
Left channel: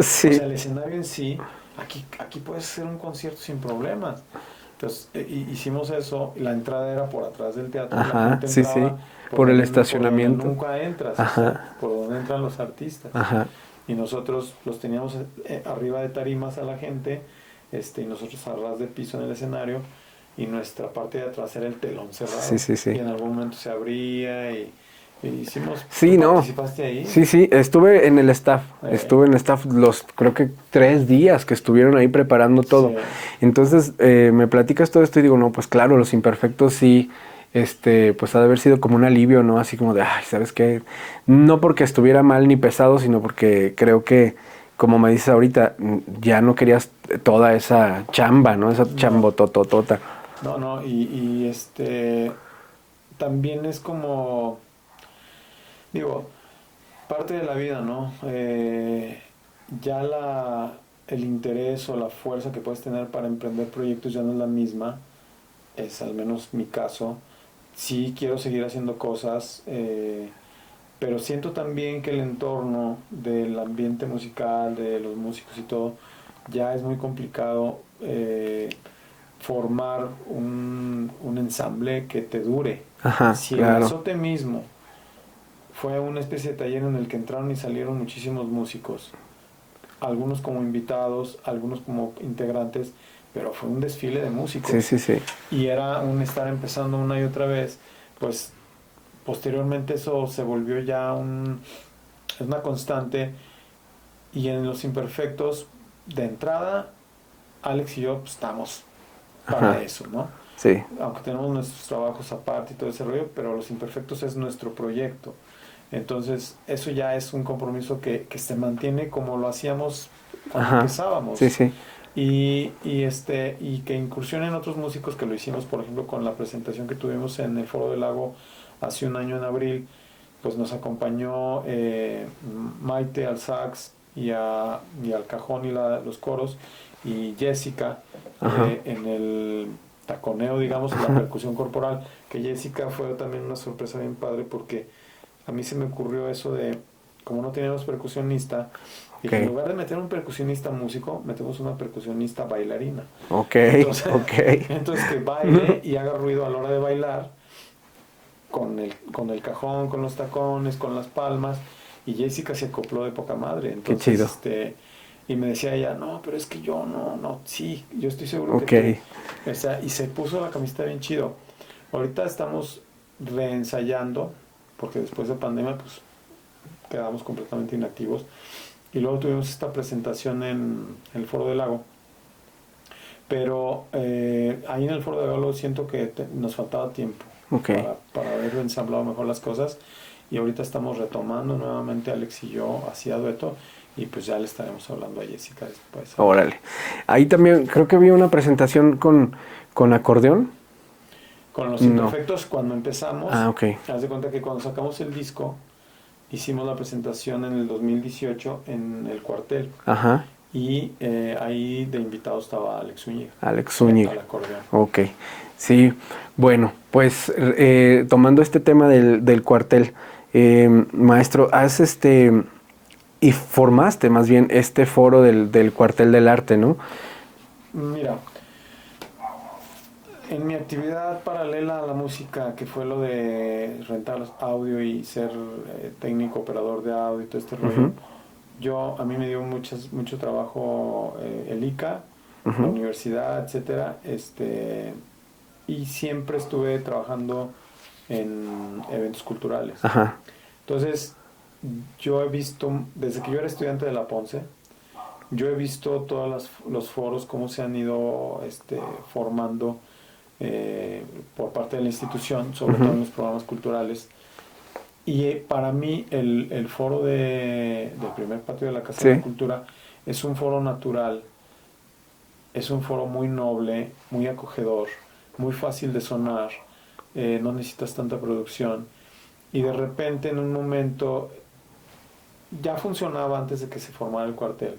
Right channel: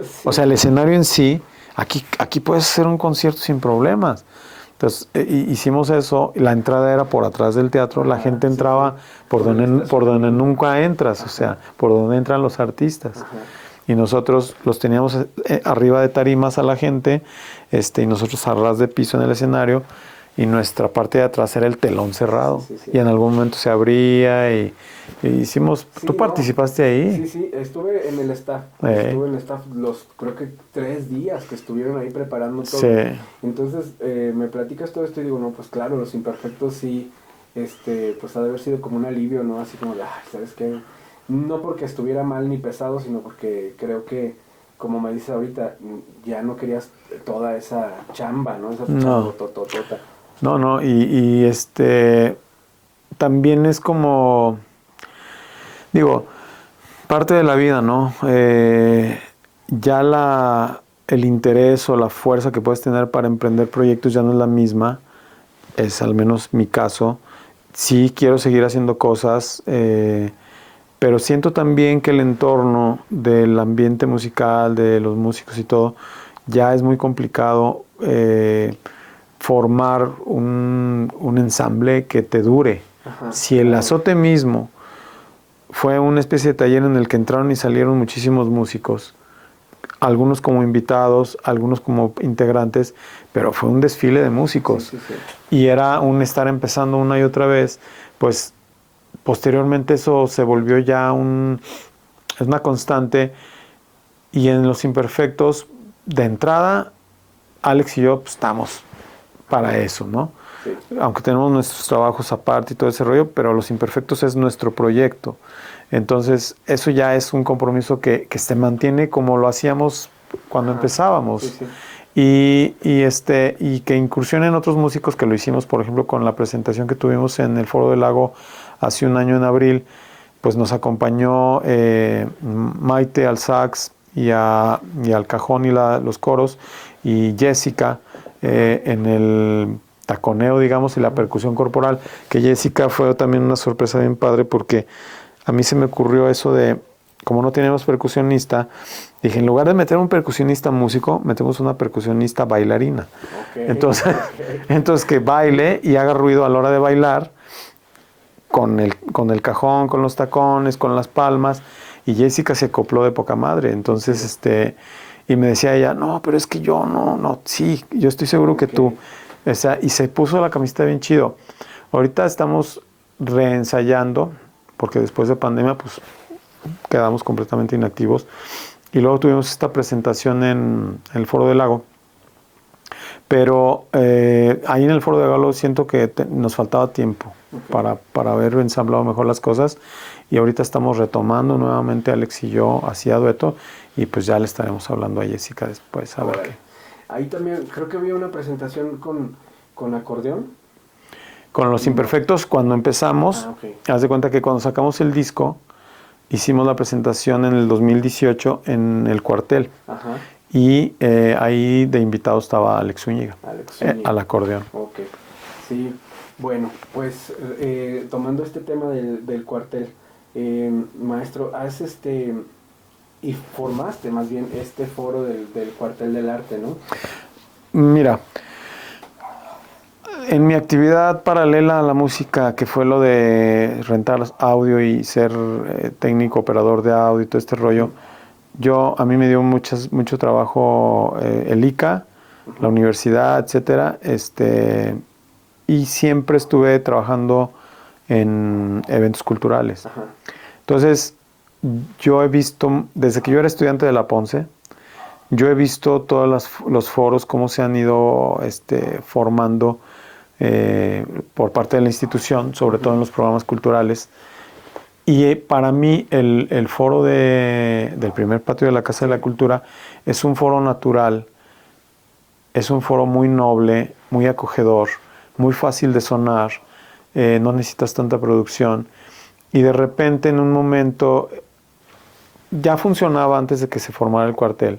Sí. O sea, el escenario en sí, aquí puedes hacer un concierto sin problemas. Entonces, hicimos eso, la entrada era por atrás del teatro, ajá, la gente entraba sí. Por donde nunca entras, ajá. O sea, por donde entran los artistas. Ajá. Y nosotros los teníamos arriba de tarimas a la gente, y nosotros a ras de piso en el escenario, y nuestra parte de atrás era el telón cerrado. Sí, sí, sí. Y en algún momento se abría y hicimos... Sí, ¿Tú participaste ahí? Sí, sí, estuve en el staff. Estuve en el staff creo que 3 días que estuvieron ahí preparando todo. Sí. Entonces, me platicas todo esto y digo, no, pues claro, Los Imperfectos sí, pues ha de haber sido como un alivio, ¿no? Así como de, ay, ¿sabes qué? No porque estuviera mal ni pesado, sino porque creo que, como me dices ahorita, ya no querías toda esa chamba, ¿no? Esa chambotototota. No, y también es como, digo, parte de la vida, ¿no? Ya el interés o la fuerza que puedes tener para emprender proyectos ya no es la misma, es al menos mi caso. Sí quiero seguir haciendo cosas, pero siento también que el entorno del ambiente musical, de los músicos y todo, ya es muy complicado formar un ensamble que te dure. Ajá, si claro. El Azote mismo fue una especie de taller en el que entraron y salieron muchísimos músicos, algunos como invitados, algunos como integrantes, pero fue un desfile de músicos. Sí, sí, sí. Y era un estar empezando una y otra vez, pues posteriormente eso se volvió ya es una constante. Y en Los Imperfectos, de entrada, Alex y yo pues, estamos para ajá. Eso, ¿no? Sí. Aunque tenemos nuestros trabajos aparte y todo ese rollo, pero Los Imperfectos es nuestro proyecto. Entonces, eso ya es un compromiso que se mantiene como lo hacíamos cuando ajá. Empezábamos. Sí, sí. Y que incursionen otros músicos que lo hicimos, por ejemplo, con la presentación que tuvimos en el Foro del Lago hace un año en abril, pues nos acompañó Maite al sax y al cajón y los coros, y Jessica en el taconeo, digamos, y la percusión corporal, que Jessica fue también una sorpresa bien padre, porque a mí se me ocurrió eso de, como no teníamos percusionista, dije, en lugar de meter un percusionista músico, metemos una percusionista bailarina. Entonces que baile y haga ruido a la hora de bailar, con el cajón, con los tacones, con las palmas, y Jessica se acopló de poca madre. Entonces, y me decía ella, no, pero es que yo no, sí, yo estoy seguro que tú. O sea, y se puso la camiseta bien chido. Ahorita estamos reensayando, porque después de pandemia, pues, quedamos completamente inactivos. Y luego tuvimos esta presentación en el Foro del Lago. Pero ahí en el Foro del Lago siento que nos faltaba tiempo para haber ensamblado mejor las cosas. Y ahorita estamos retomando nuevamente, Alex y yo, hacía dueto. Y pues ya le estaremos hablando a Jessica después. Órale. Ahí también creo que había una presentación con acordeón. Con Los Imperfectos, cuando empezamos, haz de cuenta que cuando sacamos el disco, hicimos la presentación en el 2018 en el Cuartel. Ajá. Y ahí de invitado estaba Alex Zúñiga. Alex Zúñiga. Al acordeón. Ok. Sí. Bueno, pues tomando este tema del Cuartel, maestro, has y formaste más bien este foro del Cuartel del Arte, ¿no? Mira, en mi actividad paralela a la música, que fue lo de rentar audio y ser técnico, operador de audio y todo este rollo, a mí me dio mucho trabajo el ICA, la universidad, etcétera, y siempre estuve trabajando en eventos culturales. Entonces, yo he visto, desde que yo era estudiante de la Ponce, yo he visto todos los foros, cómo se han ido formando por parte de la institución, sobre todo en los programas culturales. Y para mí el foro del primer patio de la Casa de la Cultura es un foro natural, es un foro muy noble, muy acogedor, muy fácil de sonar, no necesitas tanta producción. Y de repente en un momento ya funcionaba antes de que se formara el cuartel,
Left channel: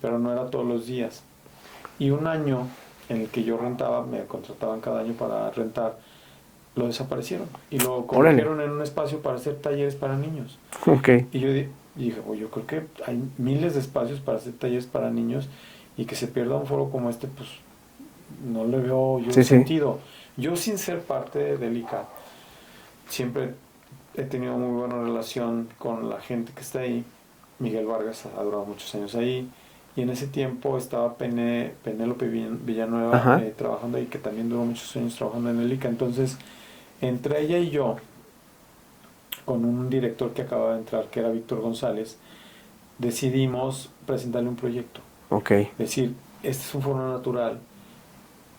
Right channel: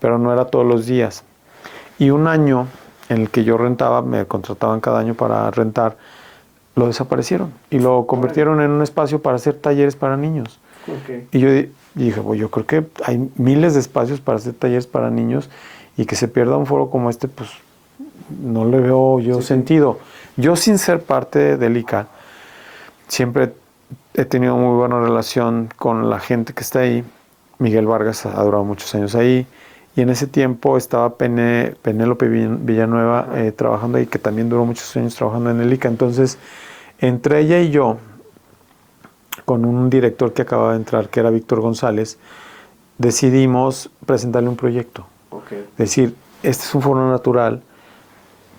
pero no era todos los días. Y un año en el que yo rentaba, me contrataban cada año para rentar, lo desaparecieron y lo convirtieron en un espacio para hacer talleres para niños. Okay. Y yo dije, pues yo creo que hay miles de espacios para hacer talleres para niños y que se pierda un foro como este, pues no le veo yo sentido. Yo, sin ser parte del ICA, siempre he tenido muy buena relación con la gente que está ahí. Miguel Vargas ha durado muchos años ahí. Y en ese tiempo estaba Penélope Villanueva trabajando ahí, que también duró muchos años trabajando en el ICA. Entonces, entre ella y yo, con un director que acababa de entrar, que era Víctor González, decidimos presentarle un proyecto. Okay. Decir, este es un foro natural,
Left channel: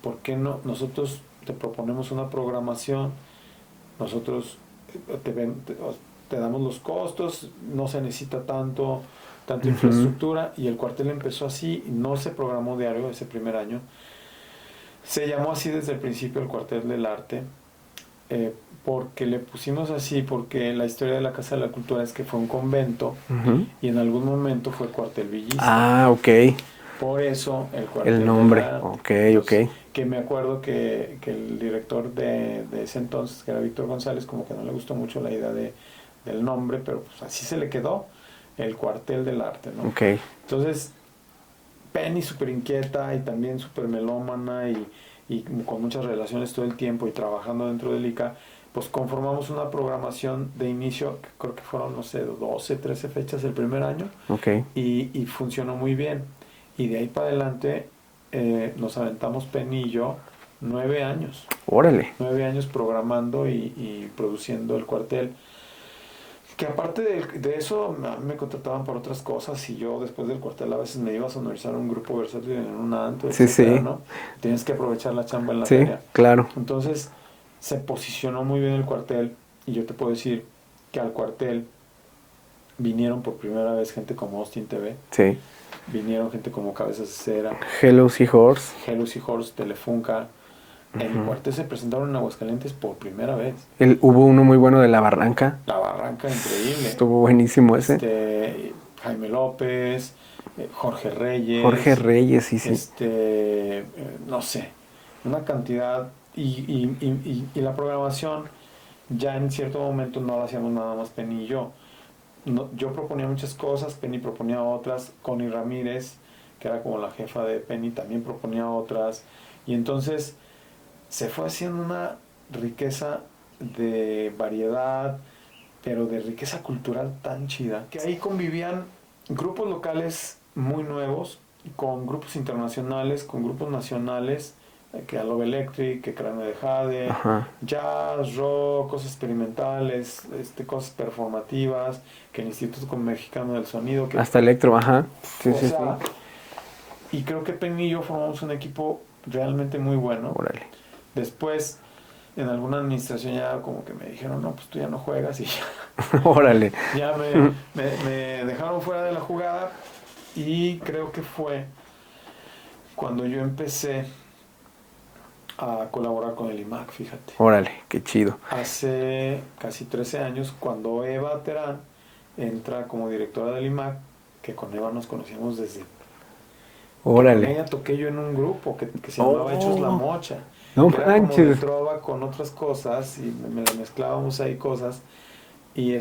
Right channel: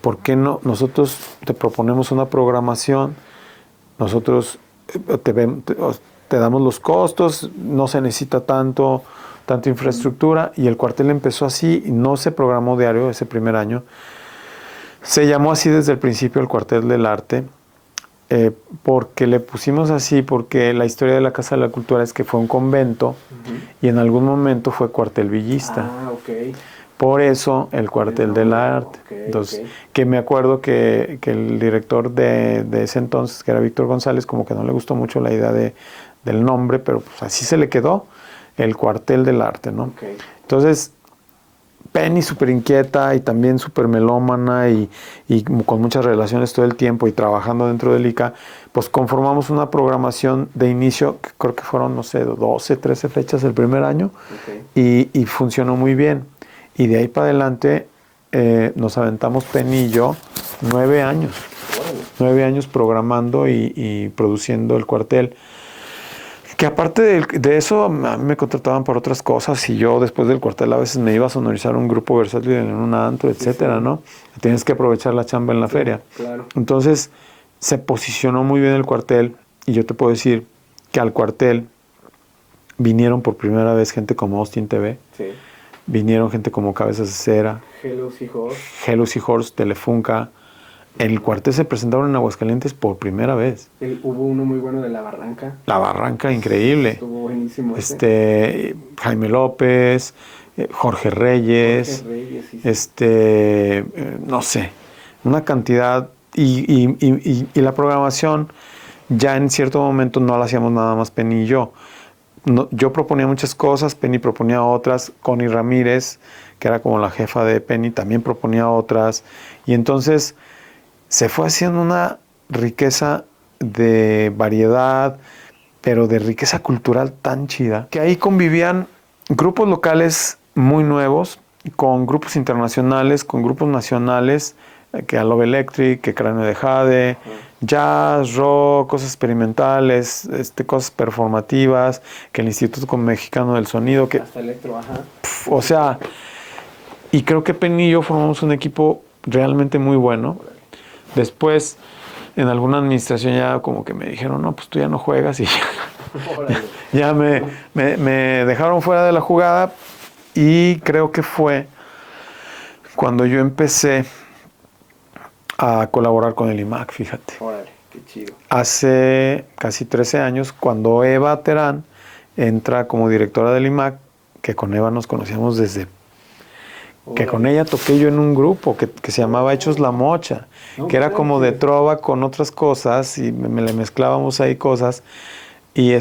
¿por qué no? Nosotros te proponemos una programación, nosotros te damos los costos, no se necesita tanta infraestructura, y el cuartel empezó así, no se programó diario ese primer año. Se llamó así desde el principio el Cuartel del Arte, porque le pusimos así, porque la historia de la Casa de la Cultura es que fue un convento y en algún momento fue cuartel villista. Ah, ok. Por eso el Cuartel del Arte. Okay, Entonces, que me acuerdo que el director de ese entonces, que era Víctor González, como que no le gustó mucho la idea del nombre, pero pues así se le quedó, el Cuartel del Arte, ¿no? Okay. Entonces, Penny súper inquieta y también súper melómana y con muchas relaciones todo el tiempo y trabajando dentro del ICA, pues conformamos una programación de inicio, que creo que fueron, no sé, 12, 13 fechas el primer año, y funcionó muy bien. Y de ahí para adelante nos aventamos Penny y yo 9 años. Órale. 9 años programando y produciendo el cuartel. Que aparte de eso, a mí me contrataban para otras cosas y yo después del cuartel a veces me iba a sonorizar un grupo versátil en un antro, etcétera, ¿no? Y tienes que aprovechar la chamba en la feria. Claro. Entonces, se posicionó muy bien el cuartel y yo te puedo decir que al cuartel vinieron por primera vez gente como Austin TV. Sí. Vinieron gente como Cabezas de Cera. Hello Seahorse. Hello Seahorse, Telefunca. El cuartel se presentaron en Aguascalientes por primera vez. Hubo uno muy bueno de La Barranca. La Barranca, increíble. Estuvo buenísimo ese. Jaime López, Jorge Reyes. Jorge Reyes, sí. No sé, una cantidad. Y la programación, ya en cierto momento no la hacíamos nada más Penny y yo. No, yo proponía muchas cosas, Penny proponía otras. Connie Ramírez, que era como la jefa de Penny, también proponía otras. Y entonces se fue haciendo una riqueza de variedad, pero de riqueza cultural tan chida, que ahí convivían grupos locales muy nuevos, con grupos internacionales, con grupos nacionales, que a Love Electric, que Cráneo de Jade, jazz, rock, cosas experimentales, cosas performativas, que el Instituto Mexicano del Sonido, que hasta electro, y creo que Penny y yo formamos un equipo realmente muy bueno. Órale. Después, en alguna administración ya como que me dijeron, no, pues tú ya no juegas, y órale. Ya me dejaron fuera de la jugada, y creo que fue cuando yo empecé a colaborar con el IMAC, fíjate. Órale, qué chido. Hace casi 13 años, cuando Eva Terán entra como directora del IMAC, que con Eva nos conocíamos desde... Órale. Que con ella toqué yo en un grupo que se llamaba Hechos La Mocha, que era como de trova con otras cosas, y me le mezclábamos ahí cosas. Y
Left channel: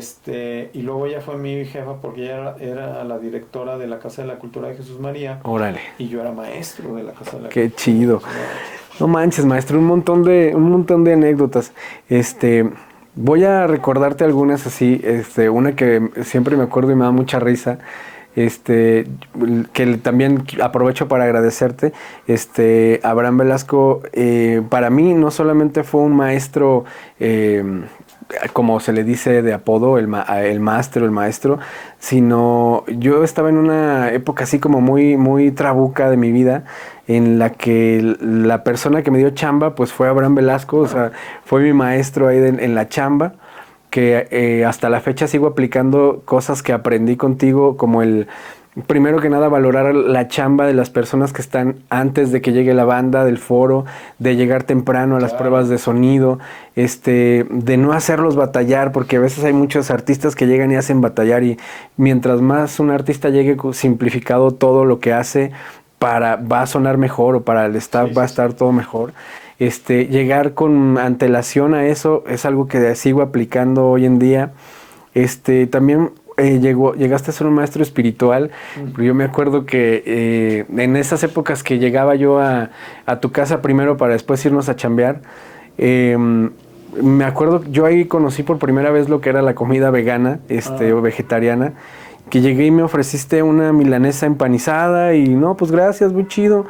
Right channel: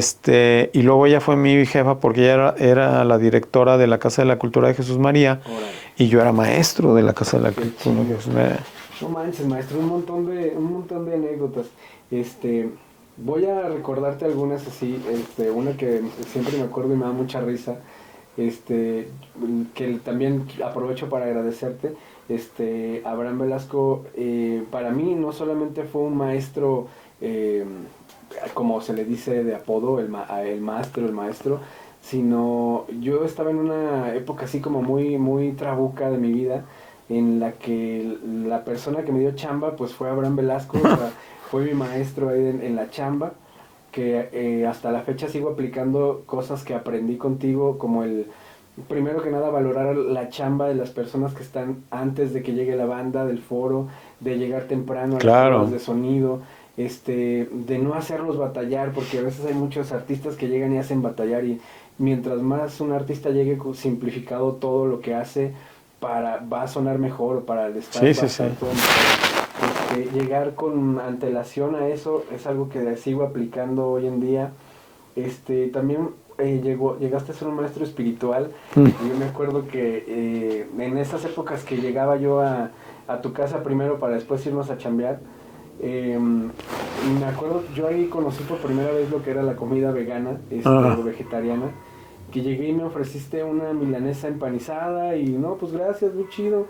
luego ella fue mi jefa porque ella era la directora de la Casa de la Cultura de Jesús María. Órale. Y yo era maestro de la Casa de la Cultura. Qué chido. No manches, maestro, un montón de anécdotas. Voy a recordarte algunas así, una que siempre me acuerdo y me da mucha risa. Que también aprovecho para agradecerte. Abraham Velasco, para mí no solamente fue un maestro como se le dice de apodo, el maestro, sino yo estaba en una época así como muy, muy trabuca de mi vida, en la que la persona que me dio chamba pues fue Abraham Velasco, o sea, fue mi maestro ahí en la chamba, que hasta la fecha sigo aplicando cosas que aprendí contigo, como primero que nada, valorar la chamba de las personas que están antes de que llegue la banda, del foro, de llegar temprano a las pruebas de sonido, de no hacerlos batallar, porque a veces hay muchos artistas que llegan y hacen batallar, y mientras más un artista llegue simplificado todo lo que hace, va a sonar mejor, o para el staff va a estar todo mejor. Llegar con antelación a eso es algo que sigo aplicando hoy en día. También llegaste a ser un maestro espiritual. Yo me acuerdo que en esas épocas que llegaba yo a tu casa primero para después irnos a chambear, me acuerdo, yo ahí conocí por primera vez lo que era la comida vegana, o vegetariana, que llegué y me ofreciste una milanesa empanizada y no, pues gracias, muy chido.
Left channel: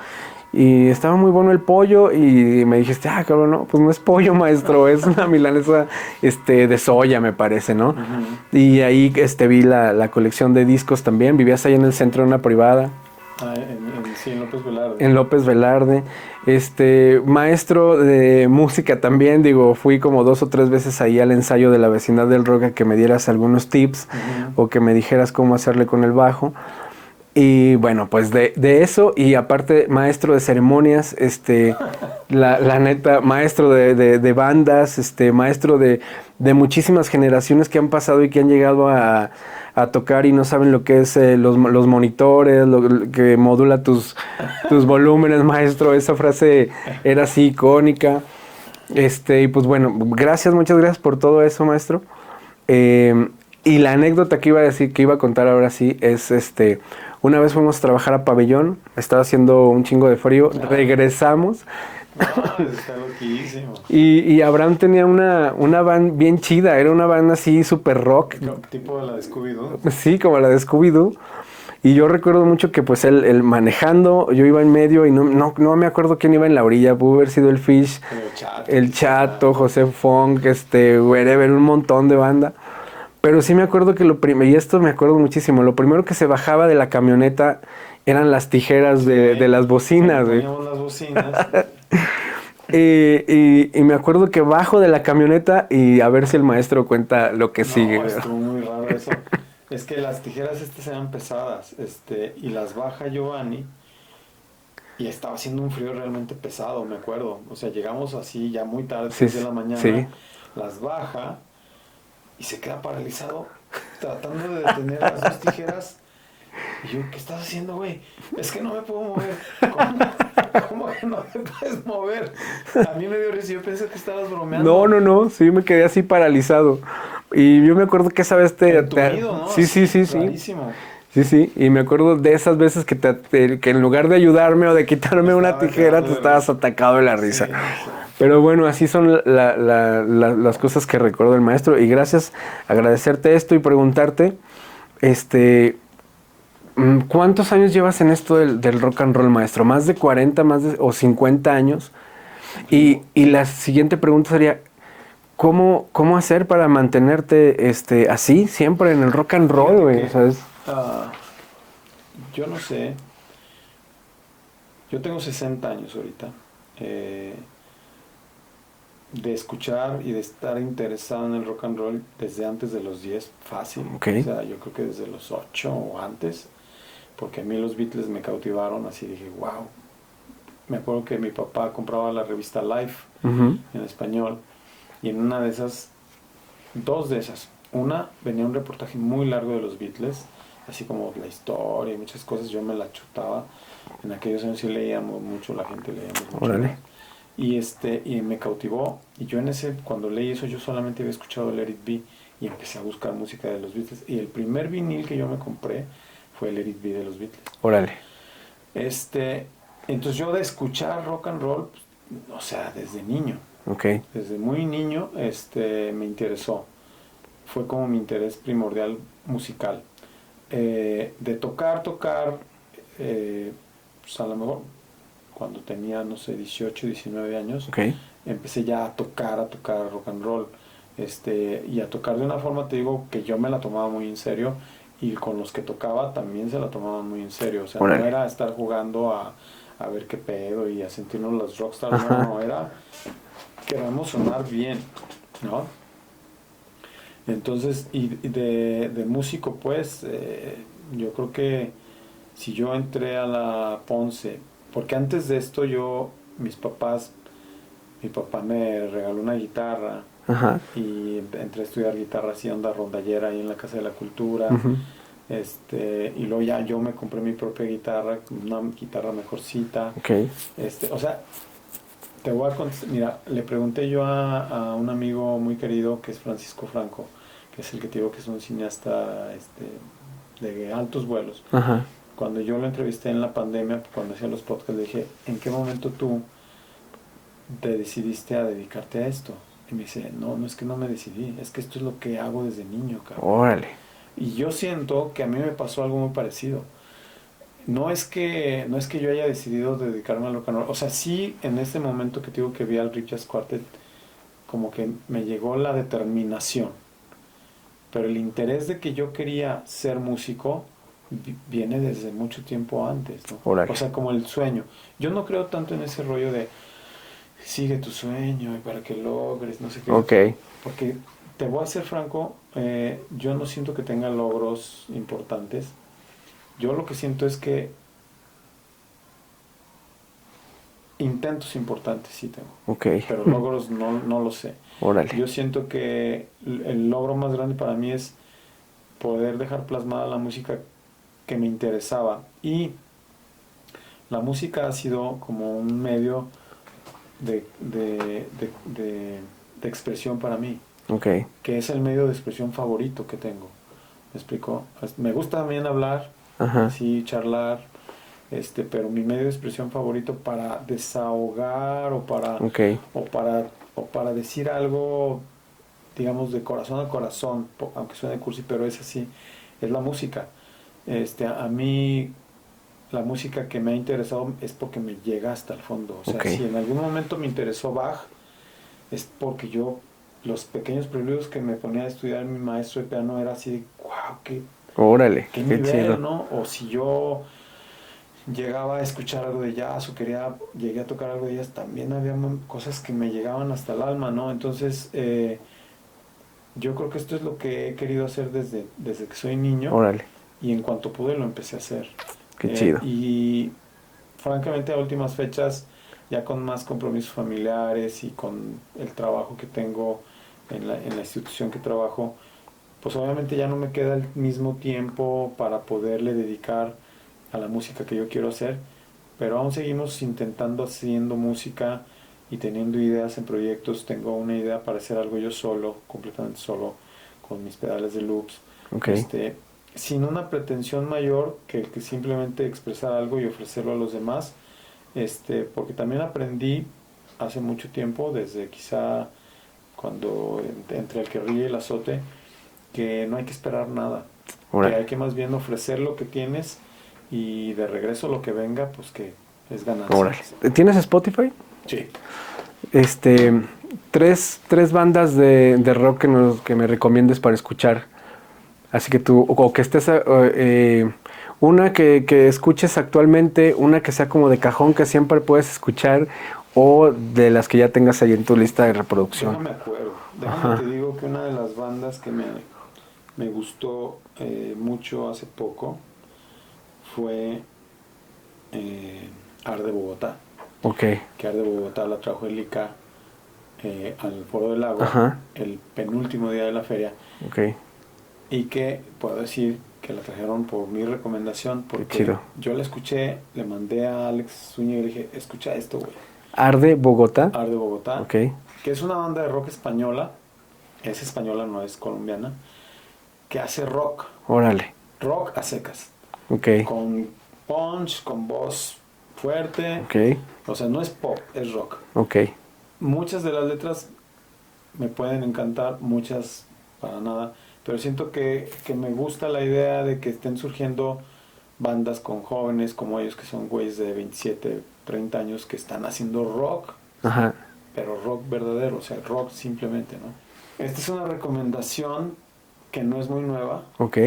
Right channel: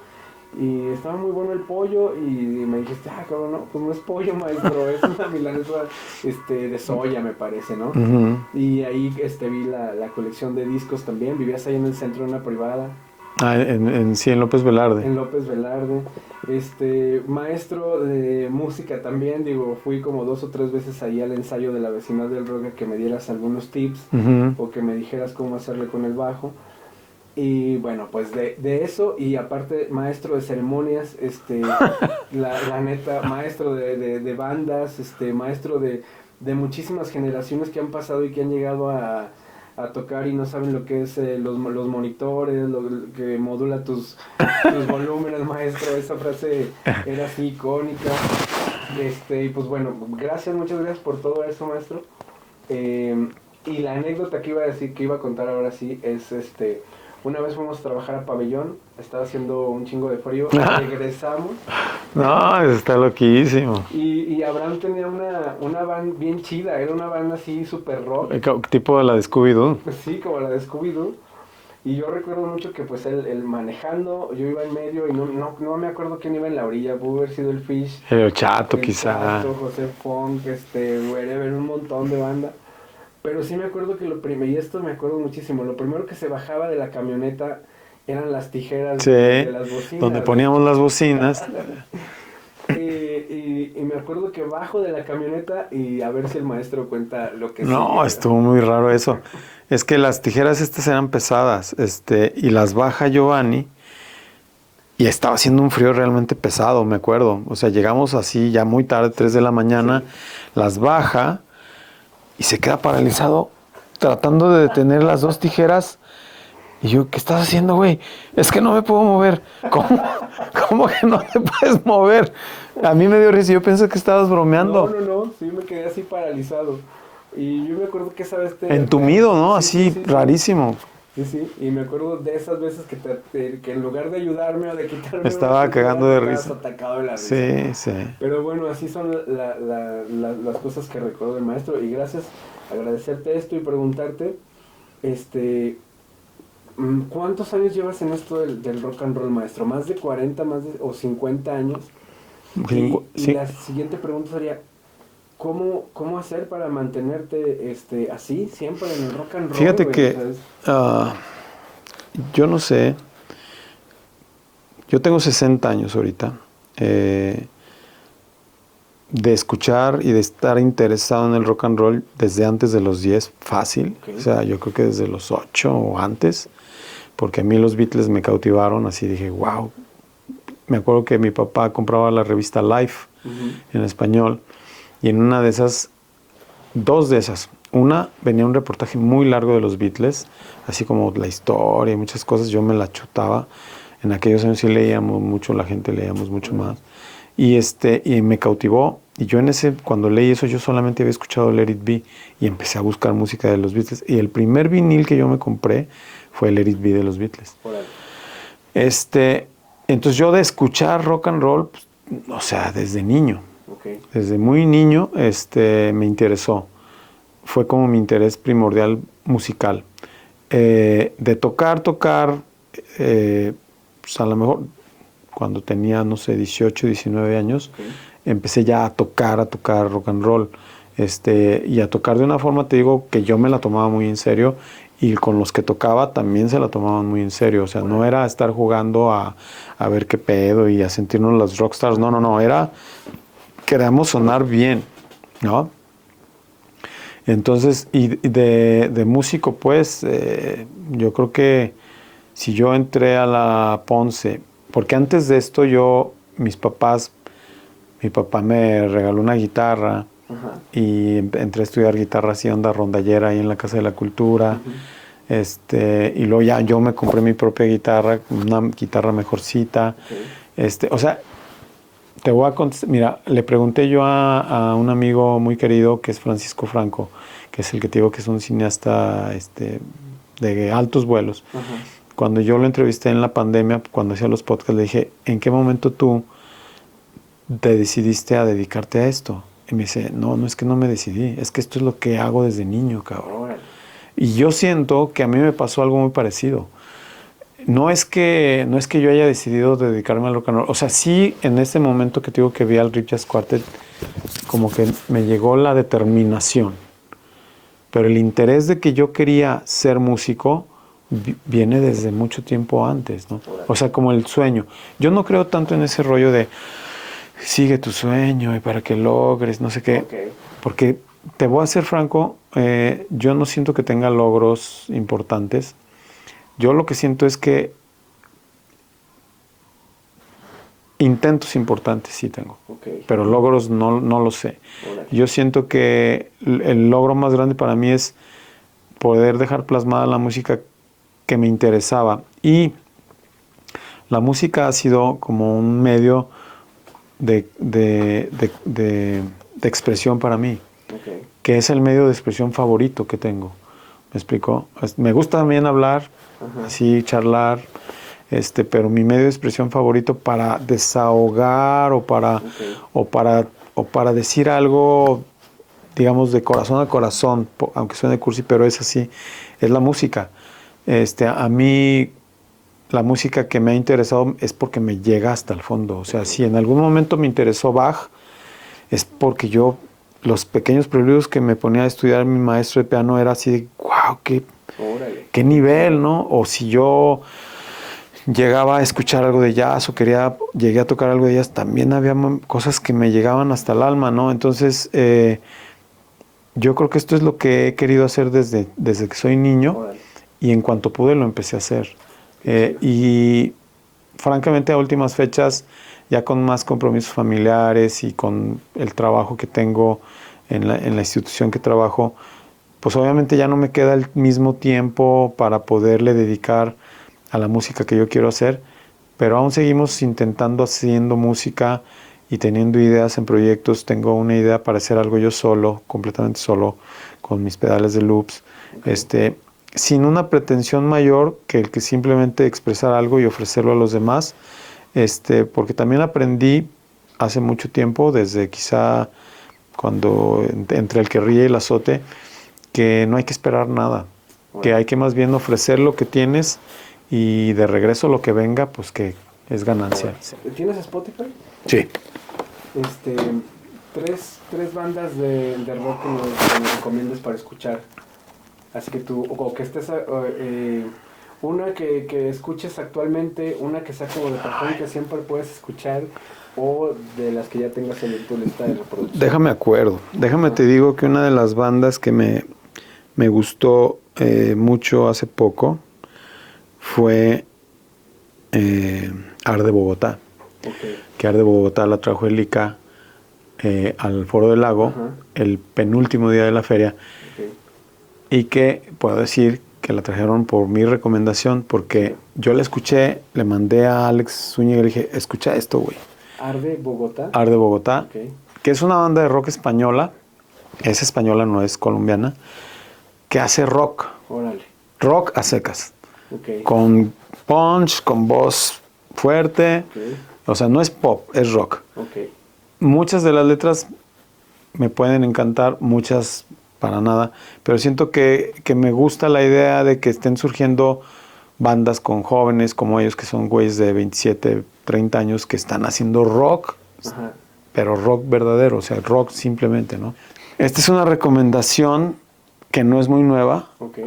Y estaba muy bueno el pollo y me dijiste, cabrón, no, pues no es pollo, maestro, es una milanesa de soya, me parece, ¿no? Y ahí vi la colección de discos también. Vivías ahí en el centro de una privada. En López Velarde. En López Velarde. Maestro de música también, digo, fui como 2 o 3 veces ahí al ensayo de la vecindad del rock a que me dieras algunos tips o que me dijeras cómo hacerle con el bajo. Y bueno, pues de eso, y aparte maestro de ceremonias, la neta, maestro de bandas, maestro de muchísimas generaciones que han pasado y que han llegado a tocar y no saben lo que es los monitores, lo que modula tus volúmenes, maestro. Esa frase era así icónica. Y pues bueno, muchas gracias por todo eso, maestro. Y la anécdota que iba a contar ahora sí es una vez fuimos a trabajar a Pabellón, estaba haciendo un chingo de frío, regresamos. No, está loquísimo. Y Abraham tenía una van bien chida, era una van así súper rock. Tipo de la de Scooby-Doo. Sí, como la de Scooby-Doo. Y yo recuerdo mucho que pues él manejando, yo iba en medio y no me acuerdo quién iba en la orilla, pudo haber sido el Fish. El Chato, José Funk, Wherever, un montón de banda. Pero sí me acuerdo que y esto me acuerdo muchísimo, lo primero que se bajaba de la camioneta eran las tijeras de las bocinas. Poníamos las bocinas. y me acuerdo que bajo de la camioneta y a ver si el maestro cuenta lo que sigue. No, estuvo muy raro eso. Es que las tijeras eran pesadas, y las baja Giovanni y estaba haciendo un frío realmente pesado, me acuerdo. O sea, llegamos así ya muy tarde, 3 de la mañana, las baja y se queda paralizado tratando de detener las 2 tijeras. Y yo, ¿qué estás haciendo, güey? Es que no me puedo mover. ¿Cómo que no te puedes mover? A mí me dio risa. Yo pensé que estabas bromeando. No. Sí, me quedé así paralizado. Y yo me acuerdo que esa vez entumido, ¿no? Sí, rarísimo. Sí. Y me acuerdo de esas veces que en lugar de ayudarme o de quitarme una tijera, te estabas atacado de la risa. Sí. Pero bueno, así son las cosas que recuerdo del maestro. Y gracias, agradecerte esto y preguntarte, ¿cuántos años llevas en esto del rock and roll, maestro? ¿Más de 40, o 50 años? Y la siguiente pregunta sería, ¿cómo hacer para mantenerte así, siempre en el rock and roll? Fíjate que yo no sé. Yo tengo 60 años ahorita. De escuchar y de estar interesado en el rock and roll desde antes de los 10, fácil. Okay. O sea, yo creo que desde los 8 o antes, porque a mí los Beatles me cautivaron, así dije, wow. Me acuerdo que mi papá compraba la revista Life en español, y en una de esas, 2 de esas, una venía un reportaje muy largo de los Beatles, así como la historia y muchas cosas, yo me la chutaba. En aquellos años sí leíamos mucho, la gente leíamos mucho más. Y me cautivó, y yo cuando leí eso, yo solamente había escuchado Let It Be, y empecé a buscar música de los Beatles, y el primer vinil que yo me compré fue Let It Be de los Beatles. Órale. Entonces yo de escuchar rock and roll, pues, o sea, desde niño. Okay. Desde muy niño, me interesó. Fue como mi interés primordial musical. De tocar, pues a lo mejor cuando tenía, no sé, 18, 19 años, empecé ya a tocar rock and roll. y a tocar de una forma, te digo, que yo me la tomaba muy en serio, y con los que tocaba también se la tomaban muy en serio. O sea, no era estar jugando a ver qué pedo y a sentirnos los rockstars. No, era queremos sonar bien, ¿no? Entonces, y de músico, pues, yo creo que si yo entré a la Ponce, porque antes de esto mi papá me regaló una guitarra. Ajá. Y entré a estudiar guitarra así, onda rondallera ahí en la Casa de la Cultura. Y luego ya yo me compré mi propia guitarra, una guitarra mejorcita. Okay. O sea, te voy a contestar. Mira, le pregunté yo a un amigo muy querido que es Francisco Franco, que es el que te digo que es un cineasta de altos vuelos. Ajá. Cuando yo lo entrevisté en la pandemia, cuando hacía los podcasts, le dije, ¿en qué momento tú te decidiste a dedicarte a esto? Y me dice, no es que no me decidí, es que esto es lo que hago desde niño, cabrón. Órale. Y yo siento que a mí me pasó algo muy parecido. No es que yo haya decidido dedicarme al rock and roll. O sea, sí, en este momento que te digo que vi al Riff Jazz Quartet, como que me llegó la determinación. Pero el interés de que yo quería ser músico viene desde mucho tiempo antes, ¿no? O sea, como el sueño. Yo no creo tanto en ese rollo de sigue tu sueño y para que logres, no sé qué. Okay. Porque te voy a ser franco, yo no siento que tenga logros importantes. Yo lo que siento es que intentos importantes sí tengo. Okay. Pero logros no lo sé. Órale. Yo siento que el logro más grande para mí es poder dejar plasmada la música que me interesaba. Y la música ha sido como un medio de expresión para mí, Okay. que es el medio de expresión favorito que tengo. ¿Me explico? Me gusta también hablar, Ajá. sí, charlar, pero mi medio de expresión favorito para desahogar Okay. o para decir algo, digamos, de corazón a corazón, aunque suene cursi, pero es así, es la música. A mí la música que me ha interesado es porque me llega hasta el fondo. O sea, Okay. si en algún momento me interesó Bach, es porque los pequeños preludios que me ponía a estudiar mi maestro de piano era así de, wow, Órale. qué nivel, chido. ¿no? O si yo llegaba a escuchar algo de jazz o llegué a tocar algo de jazz, también había cosas que me llegaban hasta el alma, ¿no? Entonces, yo creo que esto es lo que he querido hacer desde que soy niño. Órale. Y en cuanto pude lo empecé a hacer. Qué chido. Y francamente a últimas fechas, ya con más compromisos familiares y con el trabajo que tengo en la institución que trabajo, pues obviamente ya no me queda el mismo tiempo para poderle dedicar a la música que yo quiero hacer, pero aún seguimos intentando haciendo música y teniendo ideas en proyectos. Tengo una idea para hacer algo yo solo, completamente solo, con mis pedales de loops. Okay. Sin una pretensión mayor que el que simplemente expresar algo y ofrecerlo a los demás, porque también aprendí hace mucho tiempo, desde quizá cuando entre el que ríe y el azote, que no hay que esperar nada, que hay que más bien ofrecer lo que tienes y de regreso lo que venga, pues que es ganancia. ¿Tienes Spotify? Sí. Tres bandas de rock que me recomiendes para escuchar. Así que tú, o que estés, una que escuches actualmente, una que sea como de cajón que siempre puedes escuchar, o de las que ya tengas ahí en tu lista de reproducción. Déjame te digo que una de las bandas que me gustó mucho hace poco fue Arde Bogotá. Okay. Que Arde Bogotá la trajo el ICA al Foro del Lago, el penúltimo día de la feria. Okay. Y que puedo decir que la trajeron por mi recomendación, porque yo la escuché, le mandé a Alex Zúñiga y le dije, escucha esto, güey. Arde Bogotá. Arde Bogotá, Okay. que es una banda de rock española, es española, no es colombiana, que hace rock. Órale. Rock a secas. Okay. Con punch, con voz fuerte. Okay. O sea, no es pop, es rock. Okay. Muchas de las letras me pueden encantar, muchas para nada, pero siento que me gusta la idea de que estén surgiendo bandas con jóvenes como ellos, que son güeyes de 27, 30 años, que están haciendo rock, pero rock verdadero, o sea, rock simplemente, ¿no? Esta es una recomendación que no es muy nueva, Ok.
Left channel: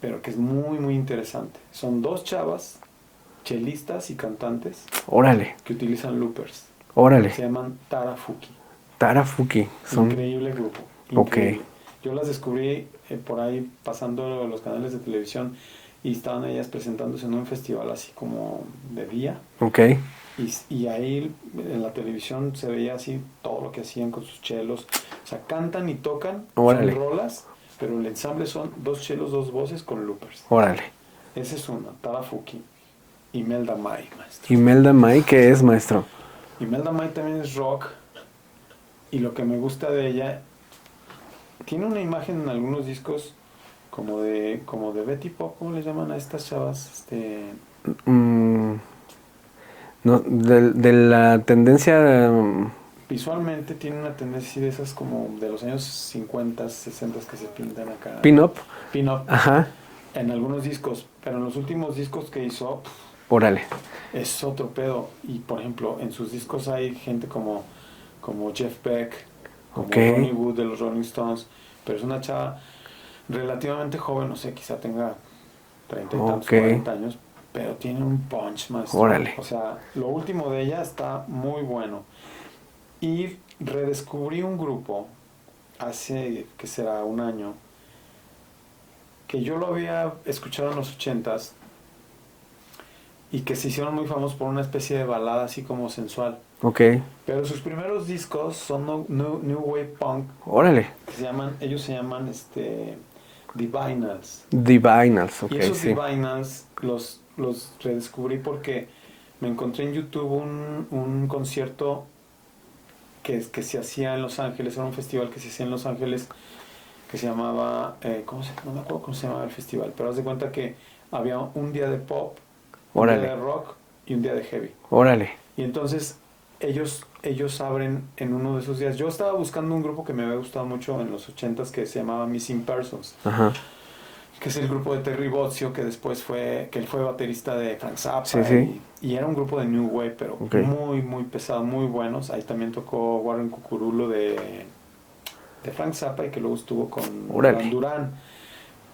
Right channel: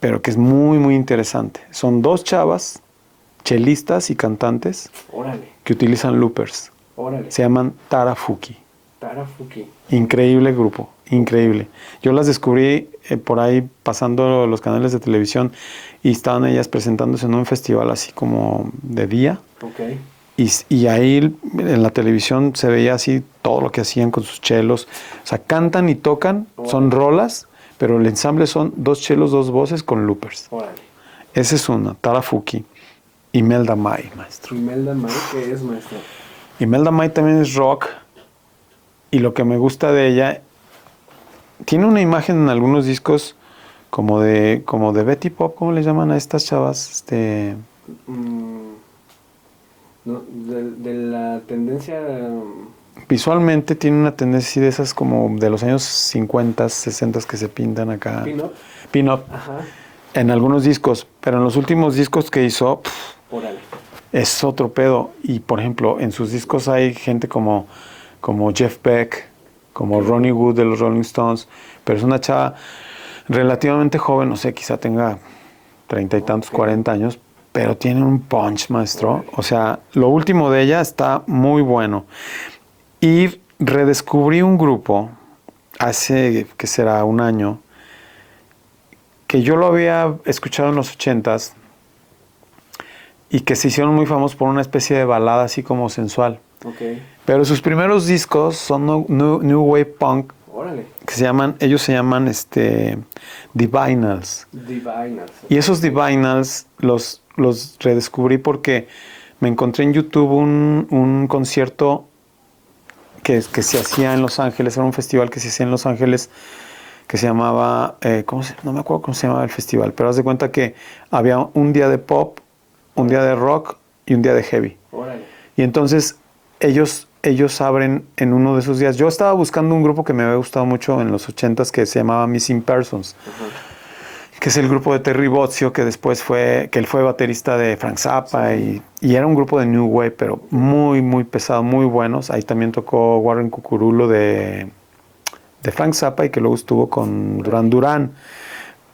pero que es muy, muy interesante. Son dos chavas, chelistas y cantantes, Órale, que utilizan loopers. órale. Se llaman Tarafuki. Tarafuki. Increíble grupo, increíble. Yo las descubrí por ahí pasando los canales de televisión y estaban ellas presentándose en un festival así como de día. Ok. Y ahí en la televisión se veía así todo lo que hacían con sus chelos. O sea, cantan y tocan, Órale. son rolas, pero el ensamble son dos chelos, dos voces con loopers. Órale. Esa es una, Tarafuki. Imelda May, maestro. Imelda May, ¿qué es, maestro? Imelda May también es rock. Y lo que me gusta de ella, tiene una imagen en algunos discos como de Betty Pop, ¿cómo le llaman a estas chavas? No, de la tendencia... Visualmente tiene una tendencia así de esas como de los años 50, 60 que se pintan acá. Pin-up. Pin-up. Ajá. En algunos discos, pero en los últimos discos que hizo, Órale. es otro pedo. Y por ejemplo, en sus discos hay gente como Jeff Beck, como Ok. Ronnie Wood de los Rolling Stones, pero es una chava relativamente joven, no sé, quizá tenga 30 y tantos, Ok. 40 años, pero tiene un punch, maestro. Órale. O sea, lo último de ella está muy bueno. Y redescubrí un grupo hace, ¿qué será? Un año, que yo lo había escuchado en los 80s y que se hicieron muy famosos por una especie de balada así como sensual. Ok. Pero sus primeros discos son New Wave Punk, Órale. que ellos se llaman Divinals. Divinals. Y esos sí. Divinals los redescubrí porque me encontré en YouTube un concierto que se hacía en Los Ángeles, era un festival que se hacía en Los Ángeles que se llamaba, no me acuerdo cómo se llamaba el festival, pero haz de cuenta que había un día de pop, un Órale. día de rock y un día de heavy. Órale. Y entonces ellos abren en uno de esos días. Yo estaba buscando un grupo que me había gustado mucho en los 80s que se llamaba Missing Persons, Ajá. que es el grupo de Terry Bozzio, que después él fue baterista de Frank Zappa, Sí. y era un grupo de New Wave, pero Ok. muy, muy pesado, muy buenos. Ahí también tocó Warren Cucurulo de Frank Zappa y que luego estuvo con Órale. Duran Duran.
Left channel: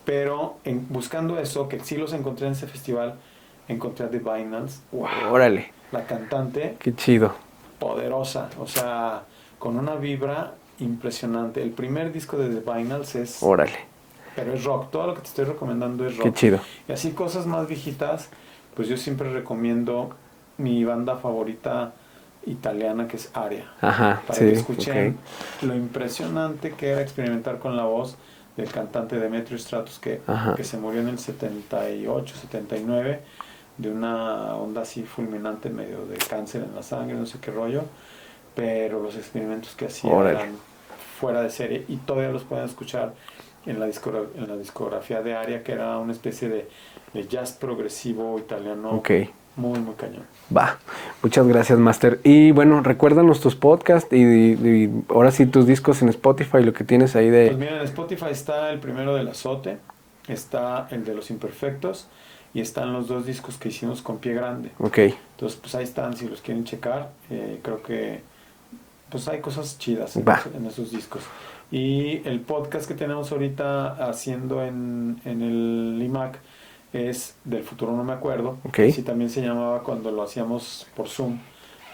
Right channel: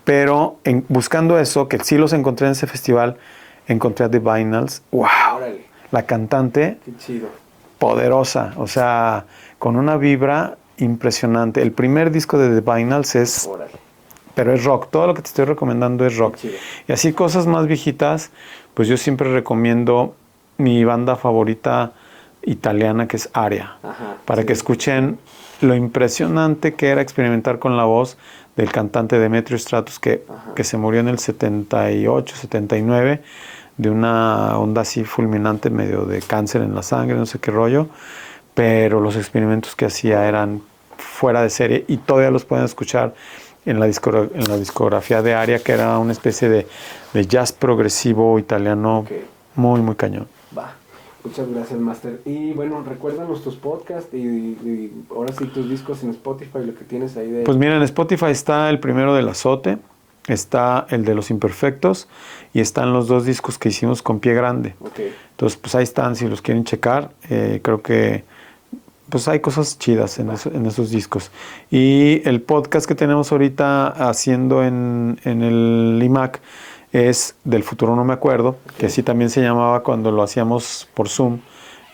Pero buscando eso, que sí los encontré en ese festival, encontré a The Vinals. ¡Wow! Órale. La cantante, Qué chido. poderosa, o sea, con una vibra impresionante. El primer disco de The Vinals es... Órale. Pero es rock, todo lo que te estoy recomendando es rock. Qué chido. Y así cosas más viejitas, pues yo siempre recomiendo mi banda favorita italiana, que es Aria. Ajá. Para sí, que escuchen lo impresionante que era experimentar con la voz del cantante Demetrio Stratos, que se murió en el 78, 79, de una onda así fulminante, medio de cáncer en la sangre, no sé qué rollo, pero los experimentos que hacía eran fuera de serie y todavía los pueden escuchar en la discografía de Aria, que era una especie de jazz progresivo italiano. Ok. Muy, muy cañón. Va. Muchas gracias, Master. Y bueno, recuérdanos tus podcasts y ahora sí tus discos en Spotify, lo que tienes ahí de... Pues mira, en Spotify está el primero del Azote, está el de Los Imperfectos y están los dos discos que hicimos con Pie Grande. Ok. Entonces, pues ahí están, si los quieren checar. Creo que pues hay cosas chidas en esos discos. Y el podcast que tenemos ahorita haciendo en el iMac es Del Futuro No Me Acuerdo, que así también se llamaba cuando lo hacíamos por Zoom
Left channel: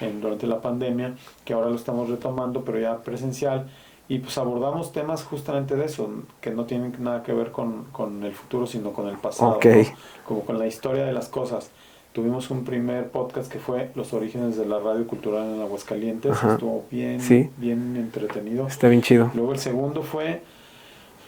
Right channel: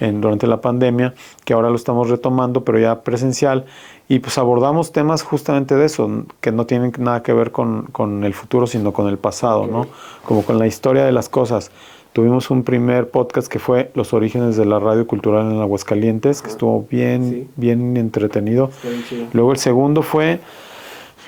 durante la pandemia, que ahora lo estamos retomando, pero ya presencial. Y pues abordamos temas justamente de eso, que no tienen nada que ver con el futuro, sino con el pasado, ¿no? Como con la historia de las cosas. Tuvimos un primer podcast que fue Los orígenes de la radio cultural en Aguascalientes, que estuvo bien entretenido. Está bien chido. Luego el segundo fue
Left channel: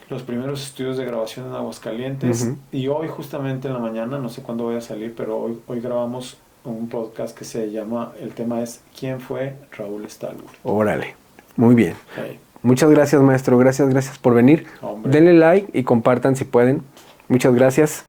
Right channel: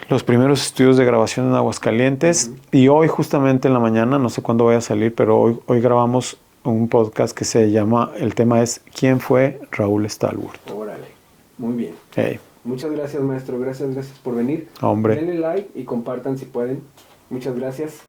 los primeros estudios de grabación en Aguascalientes. Y hoy justamente en la mañana, no sé cuándo vaya a salir, pero hoy grabamos un podcast que se llama, el tema es ¿Quién fue Raúl Stallworth? Órale, muy bien. Hey. Muchas gracias, maestro. Gracias por venir. Hombre. Denle like y compartan si pueden. Muchas gracias.